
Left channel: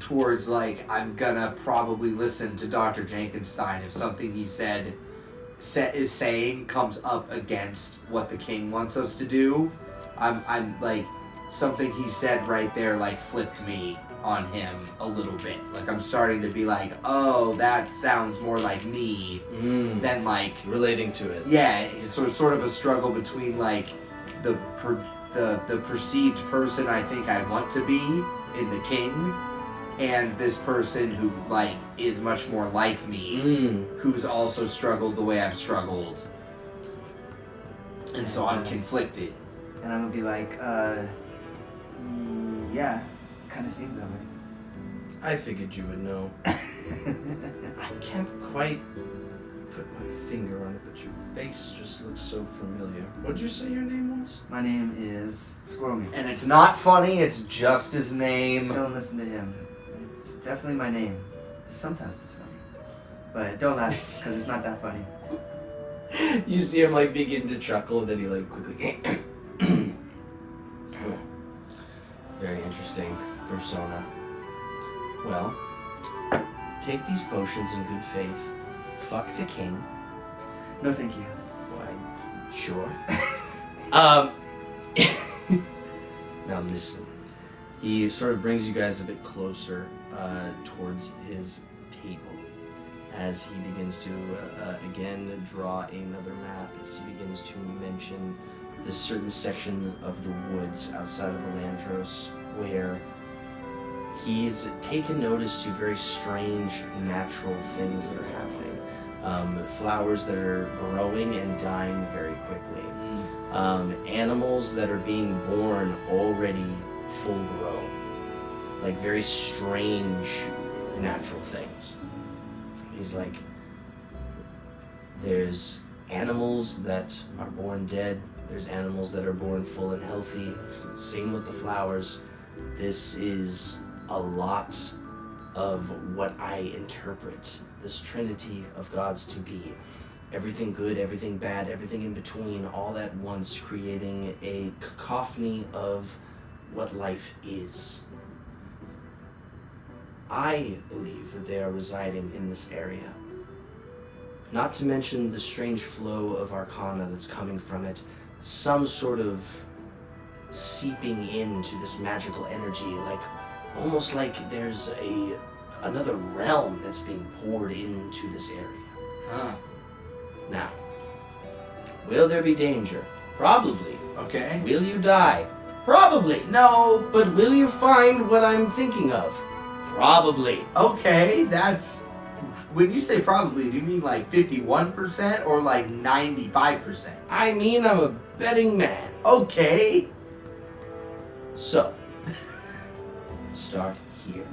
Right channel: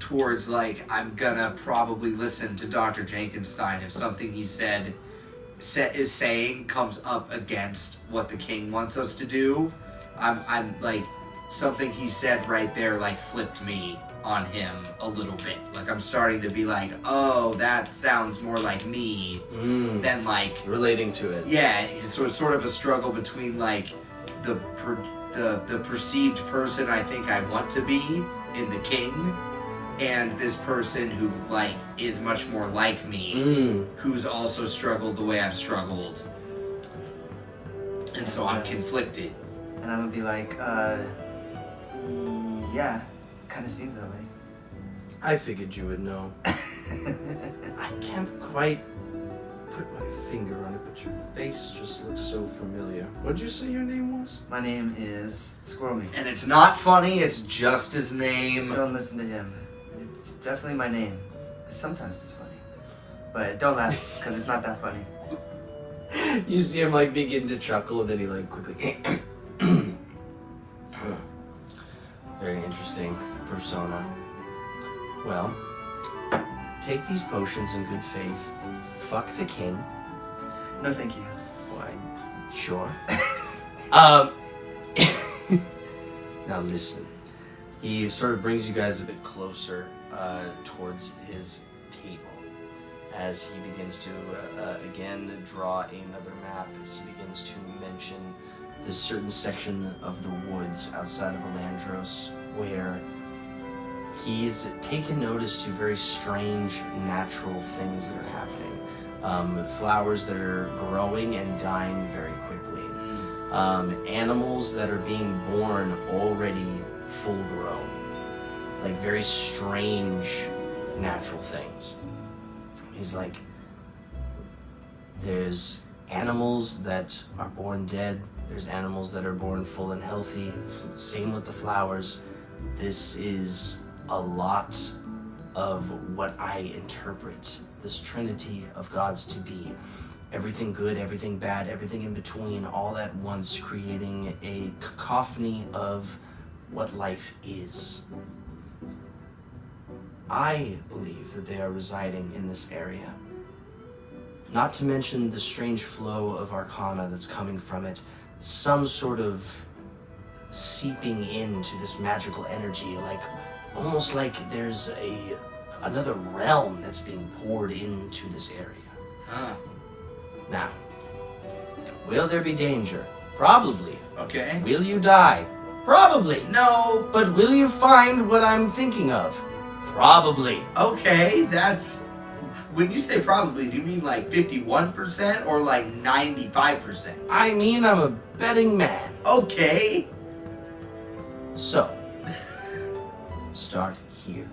towards, like, I'm gonna probably listen to Dr. Jankenstein if something he is saying comes up against what the king wants us to do. I'm like, something he said right there, like, flipped me on him a little bit. Like, I'm starting to be like, oh, that sounds more like me than, like, Relating to it. yeah, it's sort of a struggle between, like, the perceived person I think I want to be in the king, and this person who, like, is much more like me, who's also struggled the way I've struggled. And so I'm conflicted. And I'm gonna be like, yeah, kind of seems that way. I figured you would know. I can't quite put my finger on it, but your face just looks so familiar. What'd you say your name was? My name is Squirmy. And it's not funny, it's just his name. Don't listen to him. It's definitely my name. Sometimes it's funny. But don't laugh, because it's not that funny. You see him like begin to chuckle and then he like quickly very interesting persona. Well, take these potions in good faith. Fuck the king. No, thank you. Why, sure. Now listen. He sort of brings you guys a bit closer towards his table as he begins to again draw another map, as he begins to mention this certain section of the woods outside of Elandros where he's taken notice to very strange natural things that are happening. Flowers that are growing and dying very quickly. Animals that are being born already full grown. Like very strange natural things. He's like, there's animals that are born dead. There's animals that are born full and healthy. Same with the flowers. This is a lot of what I interpret this trinity of gods to be. Everything good, everything bad, everything in between, all at once, creating a cacophony of what life is. I believe that they are residing in this area. Not to mention the strange flow of arcana that's coming from it. Some sort of seeping into this magical energy, like almost like there's another realm that's being poured into this area. Now, will there be danger? Probably. Okay. Will you die? Probably. No. But will you find what I'm thinking of? Probably. Okay, that's... When you say probably, do you mean like 51% or like 95%? I mean, I'm a betting man. Okay. So, start here.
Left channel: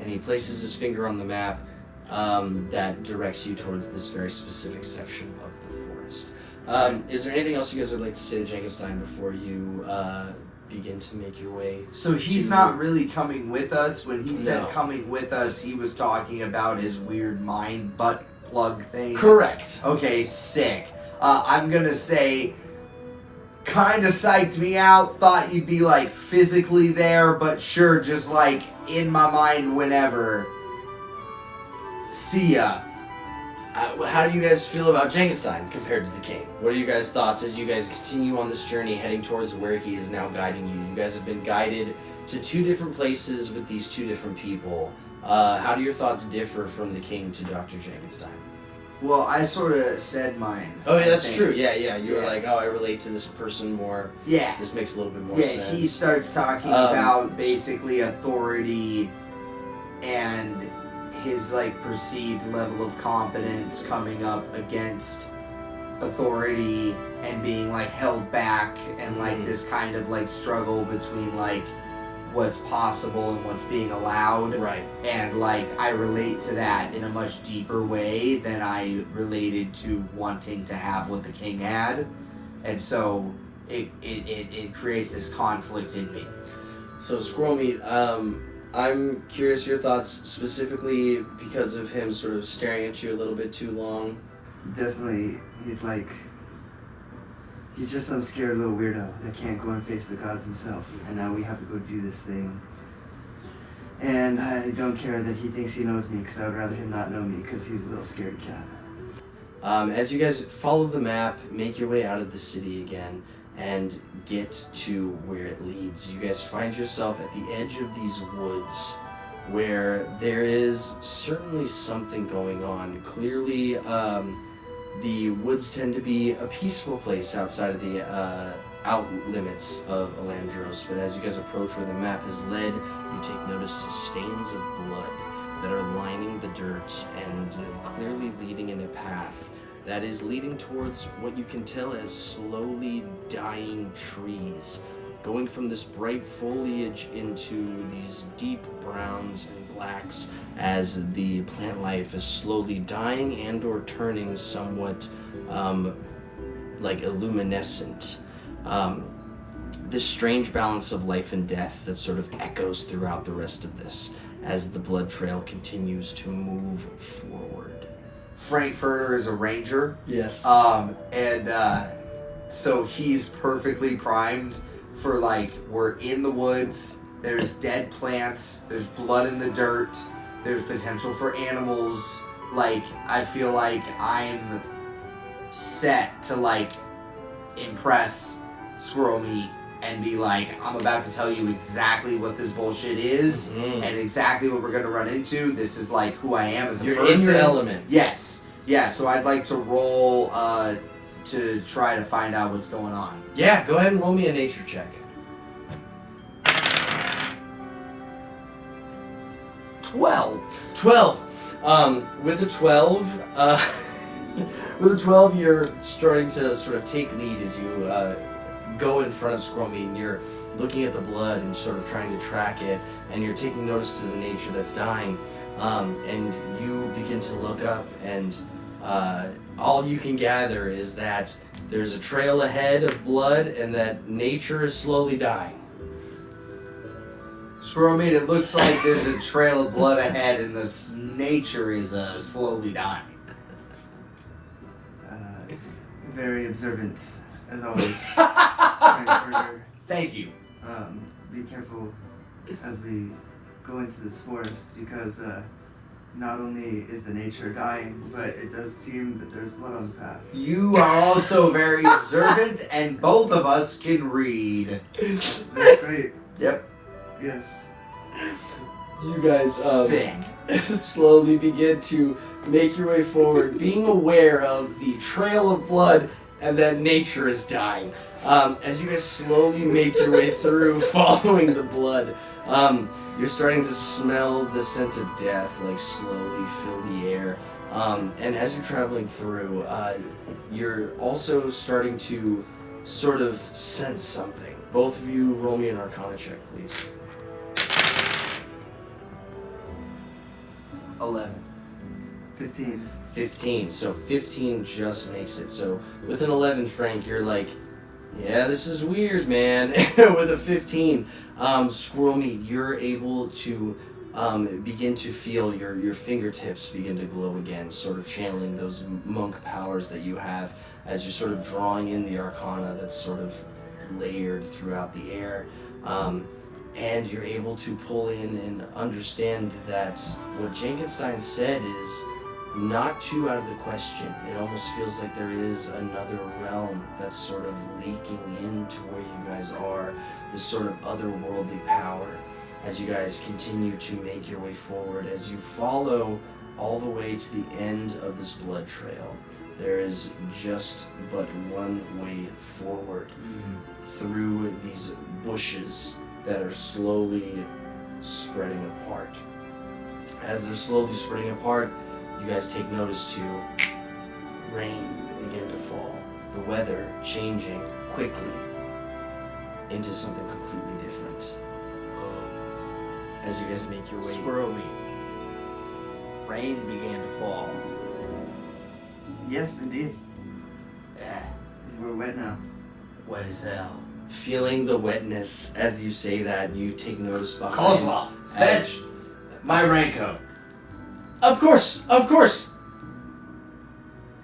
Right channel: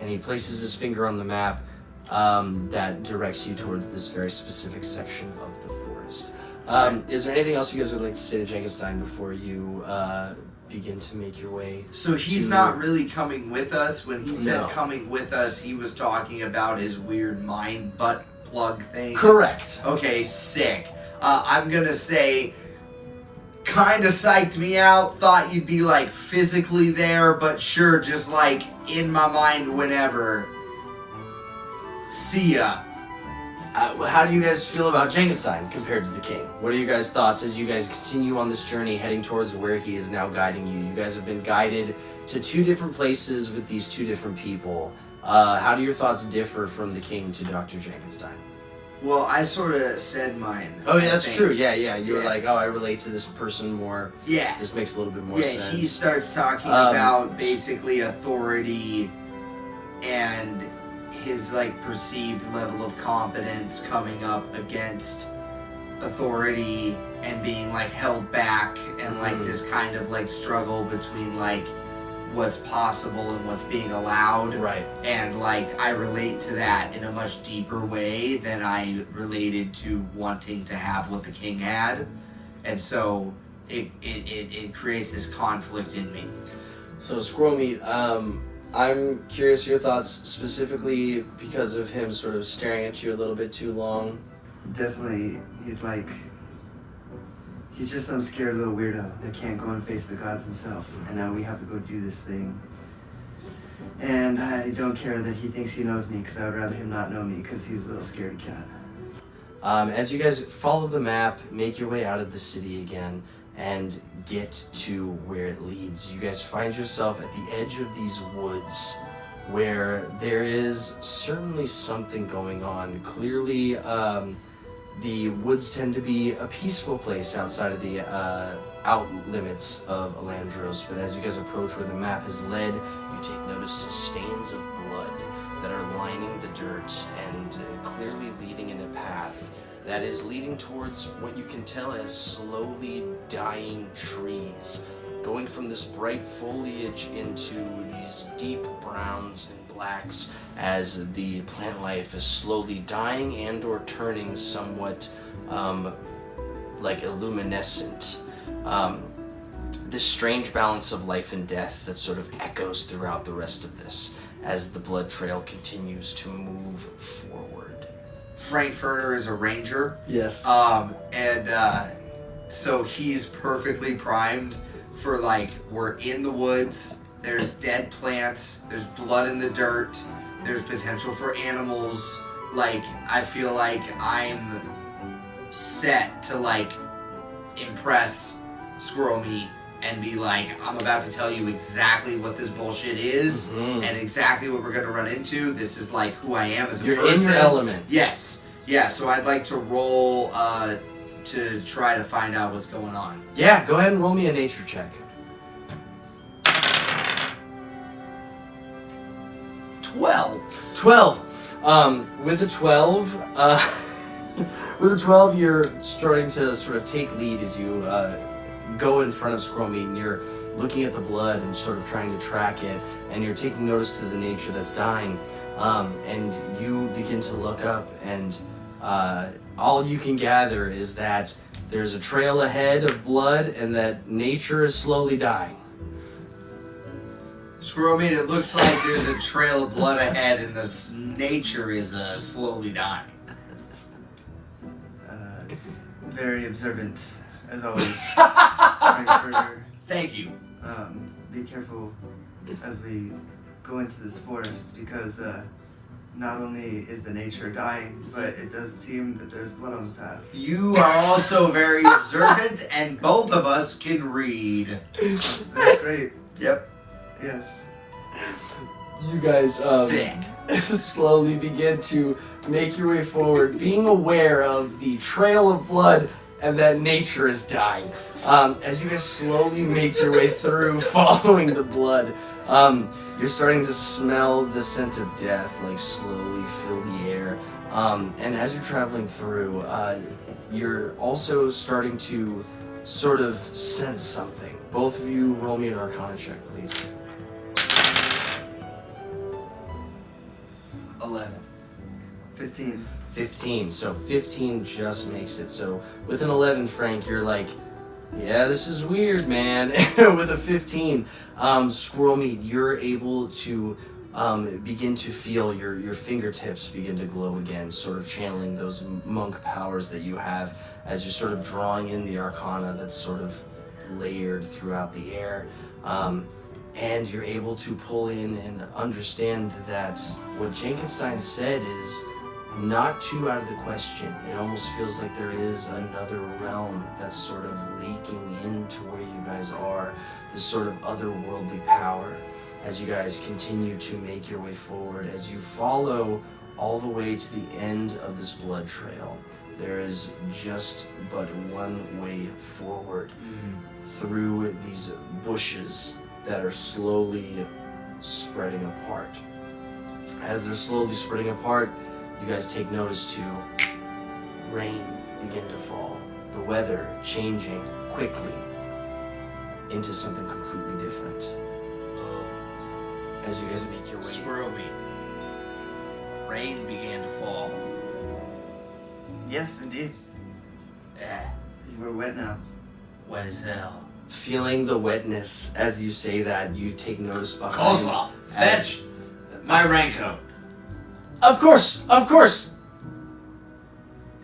And he places his finger on the map that directs you towards this very specific section of the forest. Is there anything else you guys would like to say to Jankenstein before you begin to make your way? So he's not really coming with us. When he said No. coming with us, he was talking about his weird mind butt plug thing. Correct. Okay, sick. I'm gonna say, kinda psyched me out. Thought you'd be like physically there, but sure, just like in my mind whenever. See ya. How do you guys feel about Jankenstein compared to the king? What are your guys' thoughts as you guys continue on this journey heading towards where he is now guiding you? You guys have been guided to two different places with these two different people. How do your thoughts differ from the king to Dr. Jankenstein? Well, I sort of said mine. Oh, yeah, I that's think. true. Yeah. You were Yeah. like, oh, I relate to this person more. Yeah. This makes a little bit more Yeah, sense. he starts talking about basically authority and his like perceived level of competence coming up against authority and being like held back and like this kind of like struggle between like what's possible and what's being allowed. Right. And like I relate to that in a much deeper way than I related to wanting to have what the king had. And so it creates this conflict in me. So, Squirrel Meat, I'm curious your thoughts specifically because of him sort of staring at you a little bit too long. Definitely, he's just some scared little weirdo that can't go and face the gods himself. And now we have to go do this thing. And I don't care that he thinks he knows me, because I would rather him not know me, because he's a little scaredy cat. As you guys follow the map, make your way out of the city again, and get to where it leads, you guys find yourself at the edge of these woods where there is certainly something going on. Clearly, the woods tend to be a peaceful place outside of the out limits of Alandros, but as you guys approach where the map is led, you take notice to stains of blood that are lining the dirt and clearly leading in a path that is leading towards what you can tell as slowly dying trees, going from this bright foliage into these deep browns and blacks as the plant life is slowly dying and or turning somewhat like illuminescent. This strange balance of life and death that sort of echoes throughout the rest of this as the blood trail continues to move forward. Frankfurter is a ranger. Yes. So he's perfectly primed for like, we're in the woods, there's dead plants, there's blood in the dirt, there's potential for animals. Like, I feel like I'm set to like impress Squirrel Meat and be like, I'm about to tell you exactly what this bullshit is and exactly what we're gonna run into. This is like who I am as a You're person. in your element. Yes. Yeah, so I'd like to roll to try to find out what's going on. Yeah, go ahead and roll me a nature check. 12. 12. With a 12, with a 12, you're starting to sort of take lead as you go in front of Squirrel Meat, and you're looking at the blood and sort of trying to track it, and you're taking notice to the nature that's dying, and you begin to look up, and all you can gather is that there's a trail ahead of blood, and that nature is slowly dying. Squirrel Meat, it looks like there's a trail of blood ahead, and this nature is slowly dying. Very observant, as always. Frankfurter. Thank you. Be careful as we go into this forest, because not only is the nature dying, but it does seem that there's blood on the path. You are also very observant, and both of us can read. That's great. Yep. Yes. You guys Sick. slowly begin to make your way forward, being aware of the trail of blood and that nature is dying. As you guys slowly make your way through, following the blood, you're starting to smell the scent of death, like slowly fill the air. And as you're traveling through, you're also starting to sort of sense something. Both of you roll me an Arcana check, please. 11. 15. 15. So 15 just makes it. So with an 11, Frank, you're like, yeah, this is weird, man. With a 15, Squirrel Meat, you're able to begin to feel your fingertips begin to glow again, sort of channeling those monk powers that you have as you're sort of drawing in the Arcana that's sort of layered throughout the air. And you're able to pull in and understand that what Jankenstein said is not too out of the question. It almost feels like there is another realm that's sort of leaking into where you guys are, this sort of otherworldly power. As you guys continue to make your way forward, as you follow all the way to the end of this blood trail, there is just but one way forward through these bushes that are slowly spreading apart. As they're slowly spreading apart, you guys take notice to rain begin to fall. The weather changing quickly into something completely different. As you guys make your way... Squirrel Meat. Rain began to fall. Yes, indeed. We're wet now. Wet as hell. Feeling the wetness as you say that, you take notice behind Coleslaw. Fetch my raincoat. Of course, of course.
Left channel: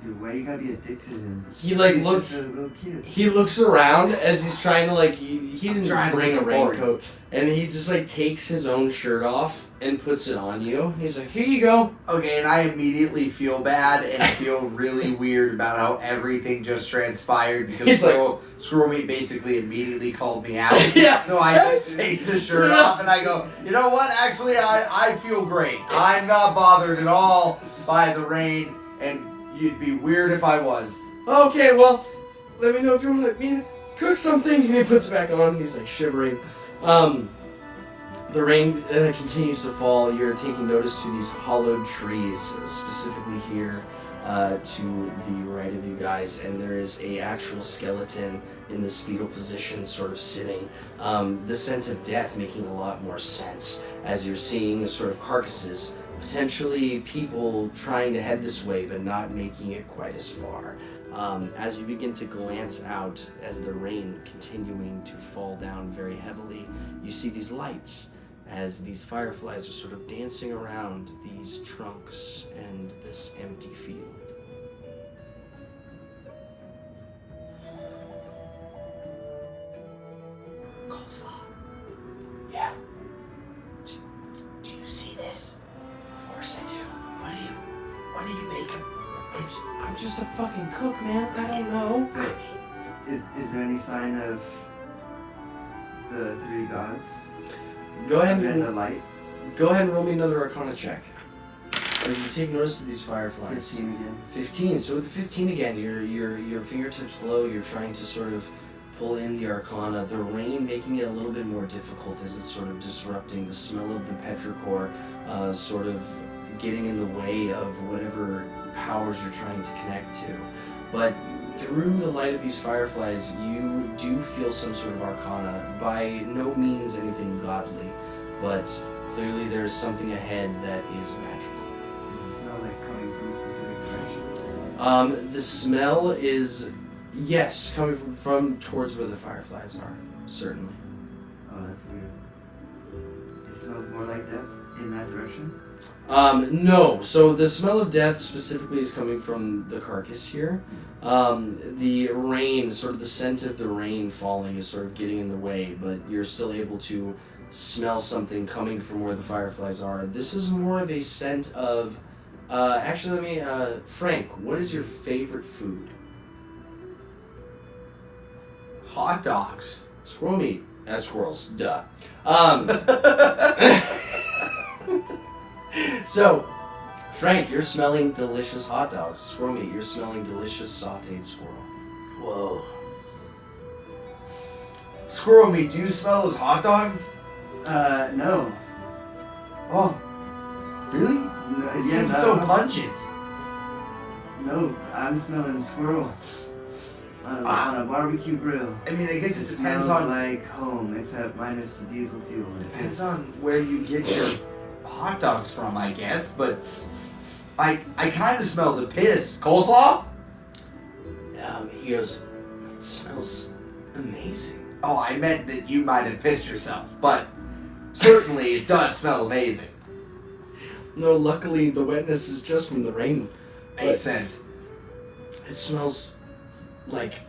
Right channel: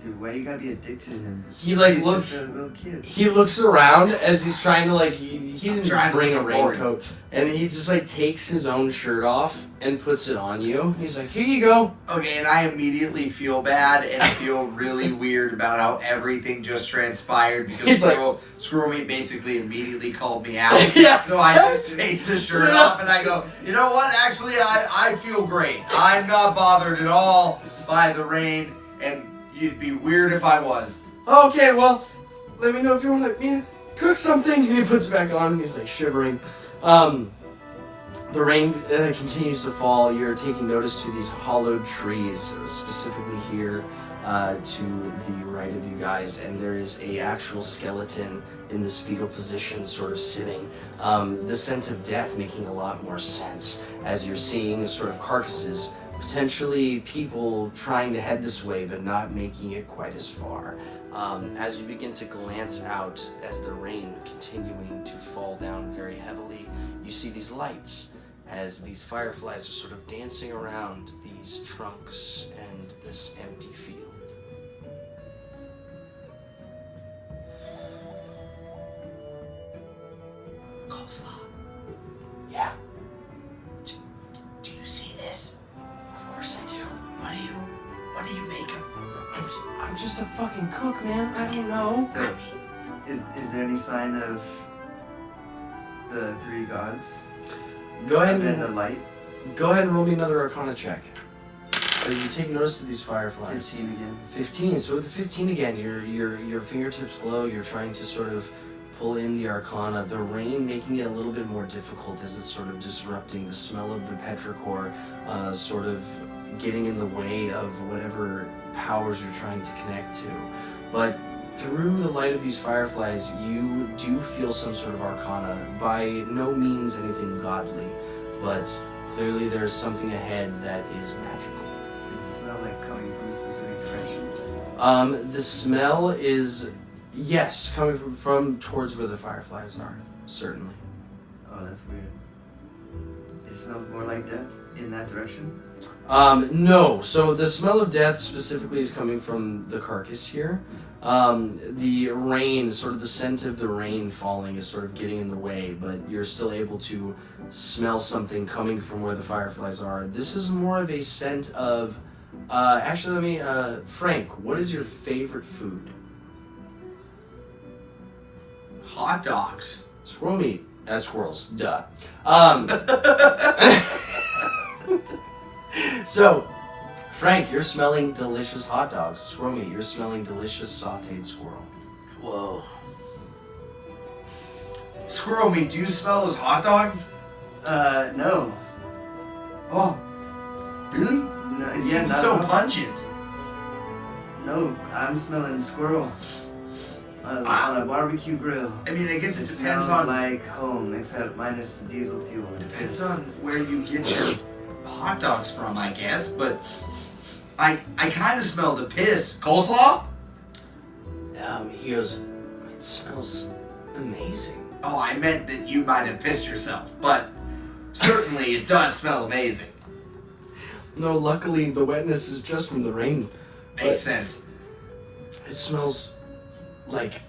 Dude, why you gotta be addicted to him? He like He's looks. just a little kid. He looks around as he's trying to like. He didn't trying to bring a look bored. raincoat, and he just like takes his own shirt off and puts it on you. He's like, "Here you go." Okay, and I immediately feel bad and feel really weird about how everything just transpired because He's like- Squirrel Meat basically immediately called me out. Yeah. So I just take the shirt off and I go, you know what? Actually, I feel great. I'm not bothered at all by the rain, and you'd be weird if I was. Okay, well, let me know if you want me to cook something. And he puts it back on. And he's like shivering. The rain continues to fall. You're taking notice to these hollowed trees, specifically here to the right of you guys, and there is a actual skeleton in this fetal position, sort of sitting. The sense of death making a lot more sense as you're seeing sort of carcasses, potentially people trying to head this way, but not making it quite as far. As you begin to glance out, as the rain continuing to fall down very heavily, you see these lights as these fireflies are sort of dancing around these trunks and this empty field. Coleslaw. Yeah, Do you see this? of course I do. What do you make of it? I'm just a fucking cook, man. I don't know. I mean, Is there any sign of the three gods? Go ahead And the and roll me another Arcana check. So you take notice of these fireflies. 15 again. 15. So with the 15 again, your fingertips glow. You're trying to sort of pull in the Arcana, the rain making it a little bit more difficult as it's sort of disrupting the smell of the petrichor, sort of getting in the way of whatever powers you're trying to connect to. But through the light of these fireflies, you do feel some sort of Arcana. By no means anything godly, but clearly there's something ahead that is magical. Does it smell like coming from a specific direction? The smell is, yes, coming from towards where the fireflies are, certainly. Oh, that's weird. It smells more like death in that direction? No. So the smell of death specifically is coming from the carcass here. The rain, sort of the scent of the rain falling is sort of getting in the way, but you're still able to smell something coming from where the fireflies are. This is more of a scent of, actually Frank, what is your favorite food? Hot dogs. Squirrel meat. Squirrels, duh. So, Frank, you're smelling delicious hot dogs. Squirrel meat, you're smelling delicious sauteed squirrel. Whoa. Squirrel meat, do you smell those hot dogs? No. Oh, really? No, It seems so pungent. No, I'm smelling squirrel. On a barbecue grill. I mean, I guess it depends smells on like home, except minus the diesel fuel. depends on where you get your hot dogs from, I guess. But I kind of smell the piss. Coleslaw? He goes, it smells amazing. Oh, I meant that you might have pissed yourself, but certainly it does smell amazing. No, luckily the wetness is just from the rain. Makes sense. It smells like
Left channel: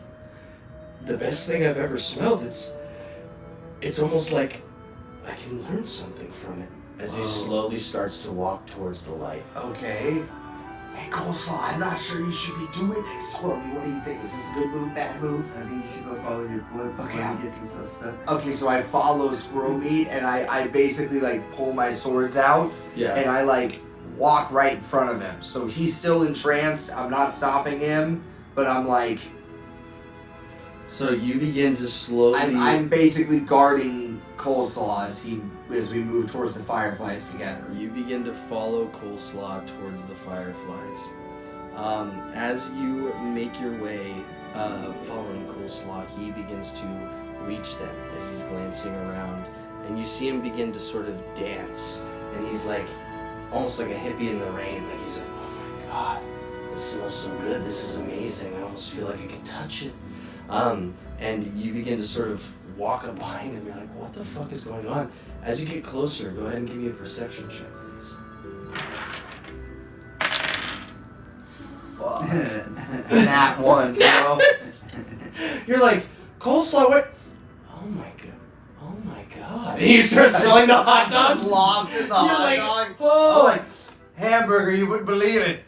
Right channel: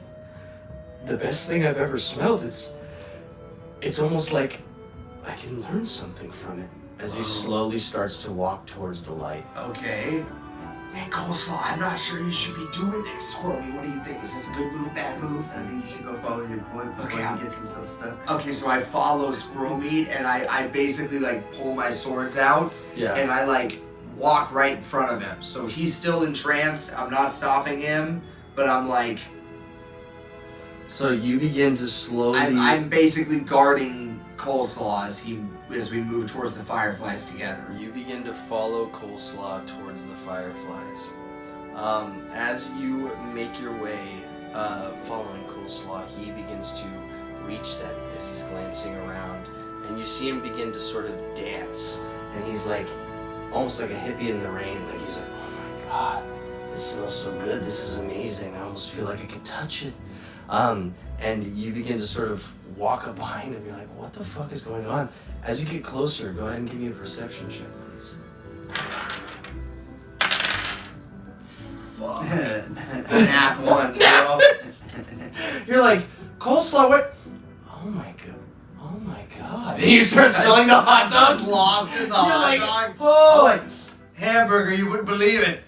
the best thing I've ever smelled. It's almost like I can learn something from it as he slowly starts to walk towards the light. Okay. Hey, Coleslaw, I'm not sure you should be doing it. Squirrely, what do you think? Is this a good move, bad move? I think you should go follow your boy before Okay. he gets himself stuck. Okay, so I follow Squirrel Meat, and I basically, like, pull my swords out, Yeah. and I, like, walk right in front of him. So he's still entranced. I'm not stopping him, but I'm, like... So you begin to slowly... I'm basically guarding Coleslaw as we move towards the fireflies together. You begin to follow Coleslaw towards the fireflies. As you make your way following Coleslaw, he begins to reach them as he's glancing around. And you see him begin to sort of dance. And he's like, almost like a hippie in the rain. Like he's like, oh my god, this smells so good. This is amazing. I almost feel like I could touch it. And you begin to sort of walk up behind him. You're like, what the fuck is going on? As you get closer, go ahead and give me a perception check, please. Fuck. Nat 1, bro. You're like, Coleslaw, wait. Oh my god. And you start smelling the hot dogs. Lost in the hot dog. Oh. I'm like, hamburger, you wouldn't believe it.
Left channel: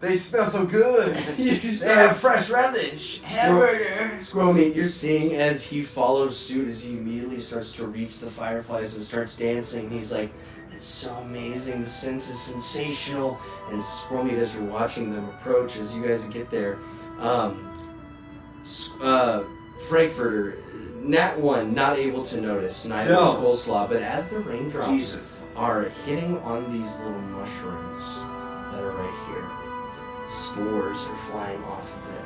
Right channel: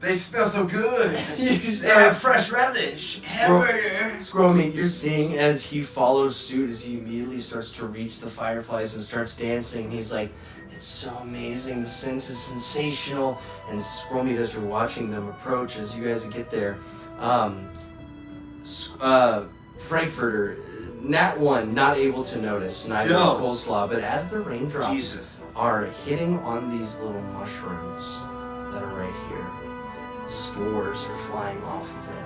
They smell so good. You They have fresh relish. Hamburger. Squirrel Meat, you're seeing as he follows suit, as he immediately starts to reach the fireflies and starts dancing. He's like, it's so amazing, the scent is sensational. And Squirrel Meat, as you're watching them approach, as you guys get there, Frankfurter, Nat 1, not able to notice, neither is Coleslaw, but as the raindrops are hitting on these little mushrooms that are right here, spores are flying off of it,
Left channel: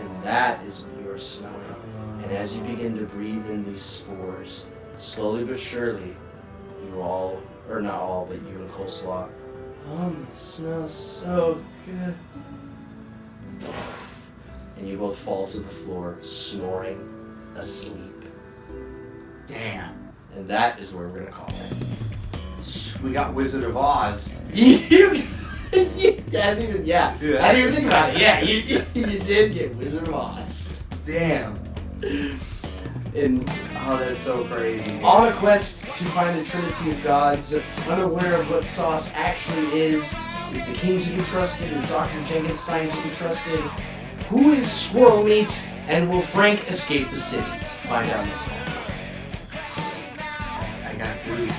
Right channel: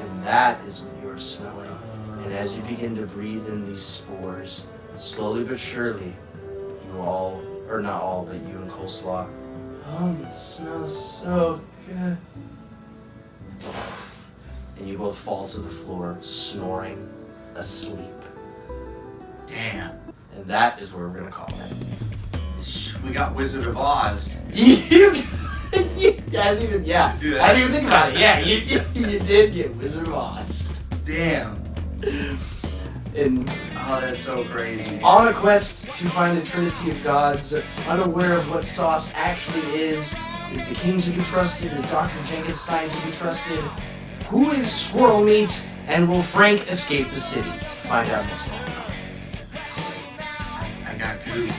and that is what you are smelling. And as you begin to breathe in these spores, slowly but surely, you all, or not all, but you and Coleslaw, it smells so good. And you both fall to the floor, snoring, asleep. Damn. And that is where we're gonna call it. We got Wizard of Oz. I didn't even think about it. Yeah, you did get Wizard of Oz. Damn. And oh, that's so crazy. On a quest to find the Trinity of Gods, unaware of what sauce actually is the king to be trusted? Is Dr. Jankenstein to be trusted? Who is Squirrel Meat? And will Frank escape the city? Find out next time. I got Groot.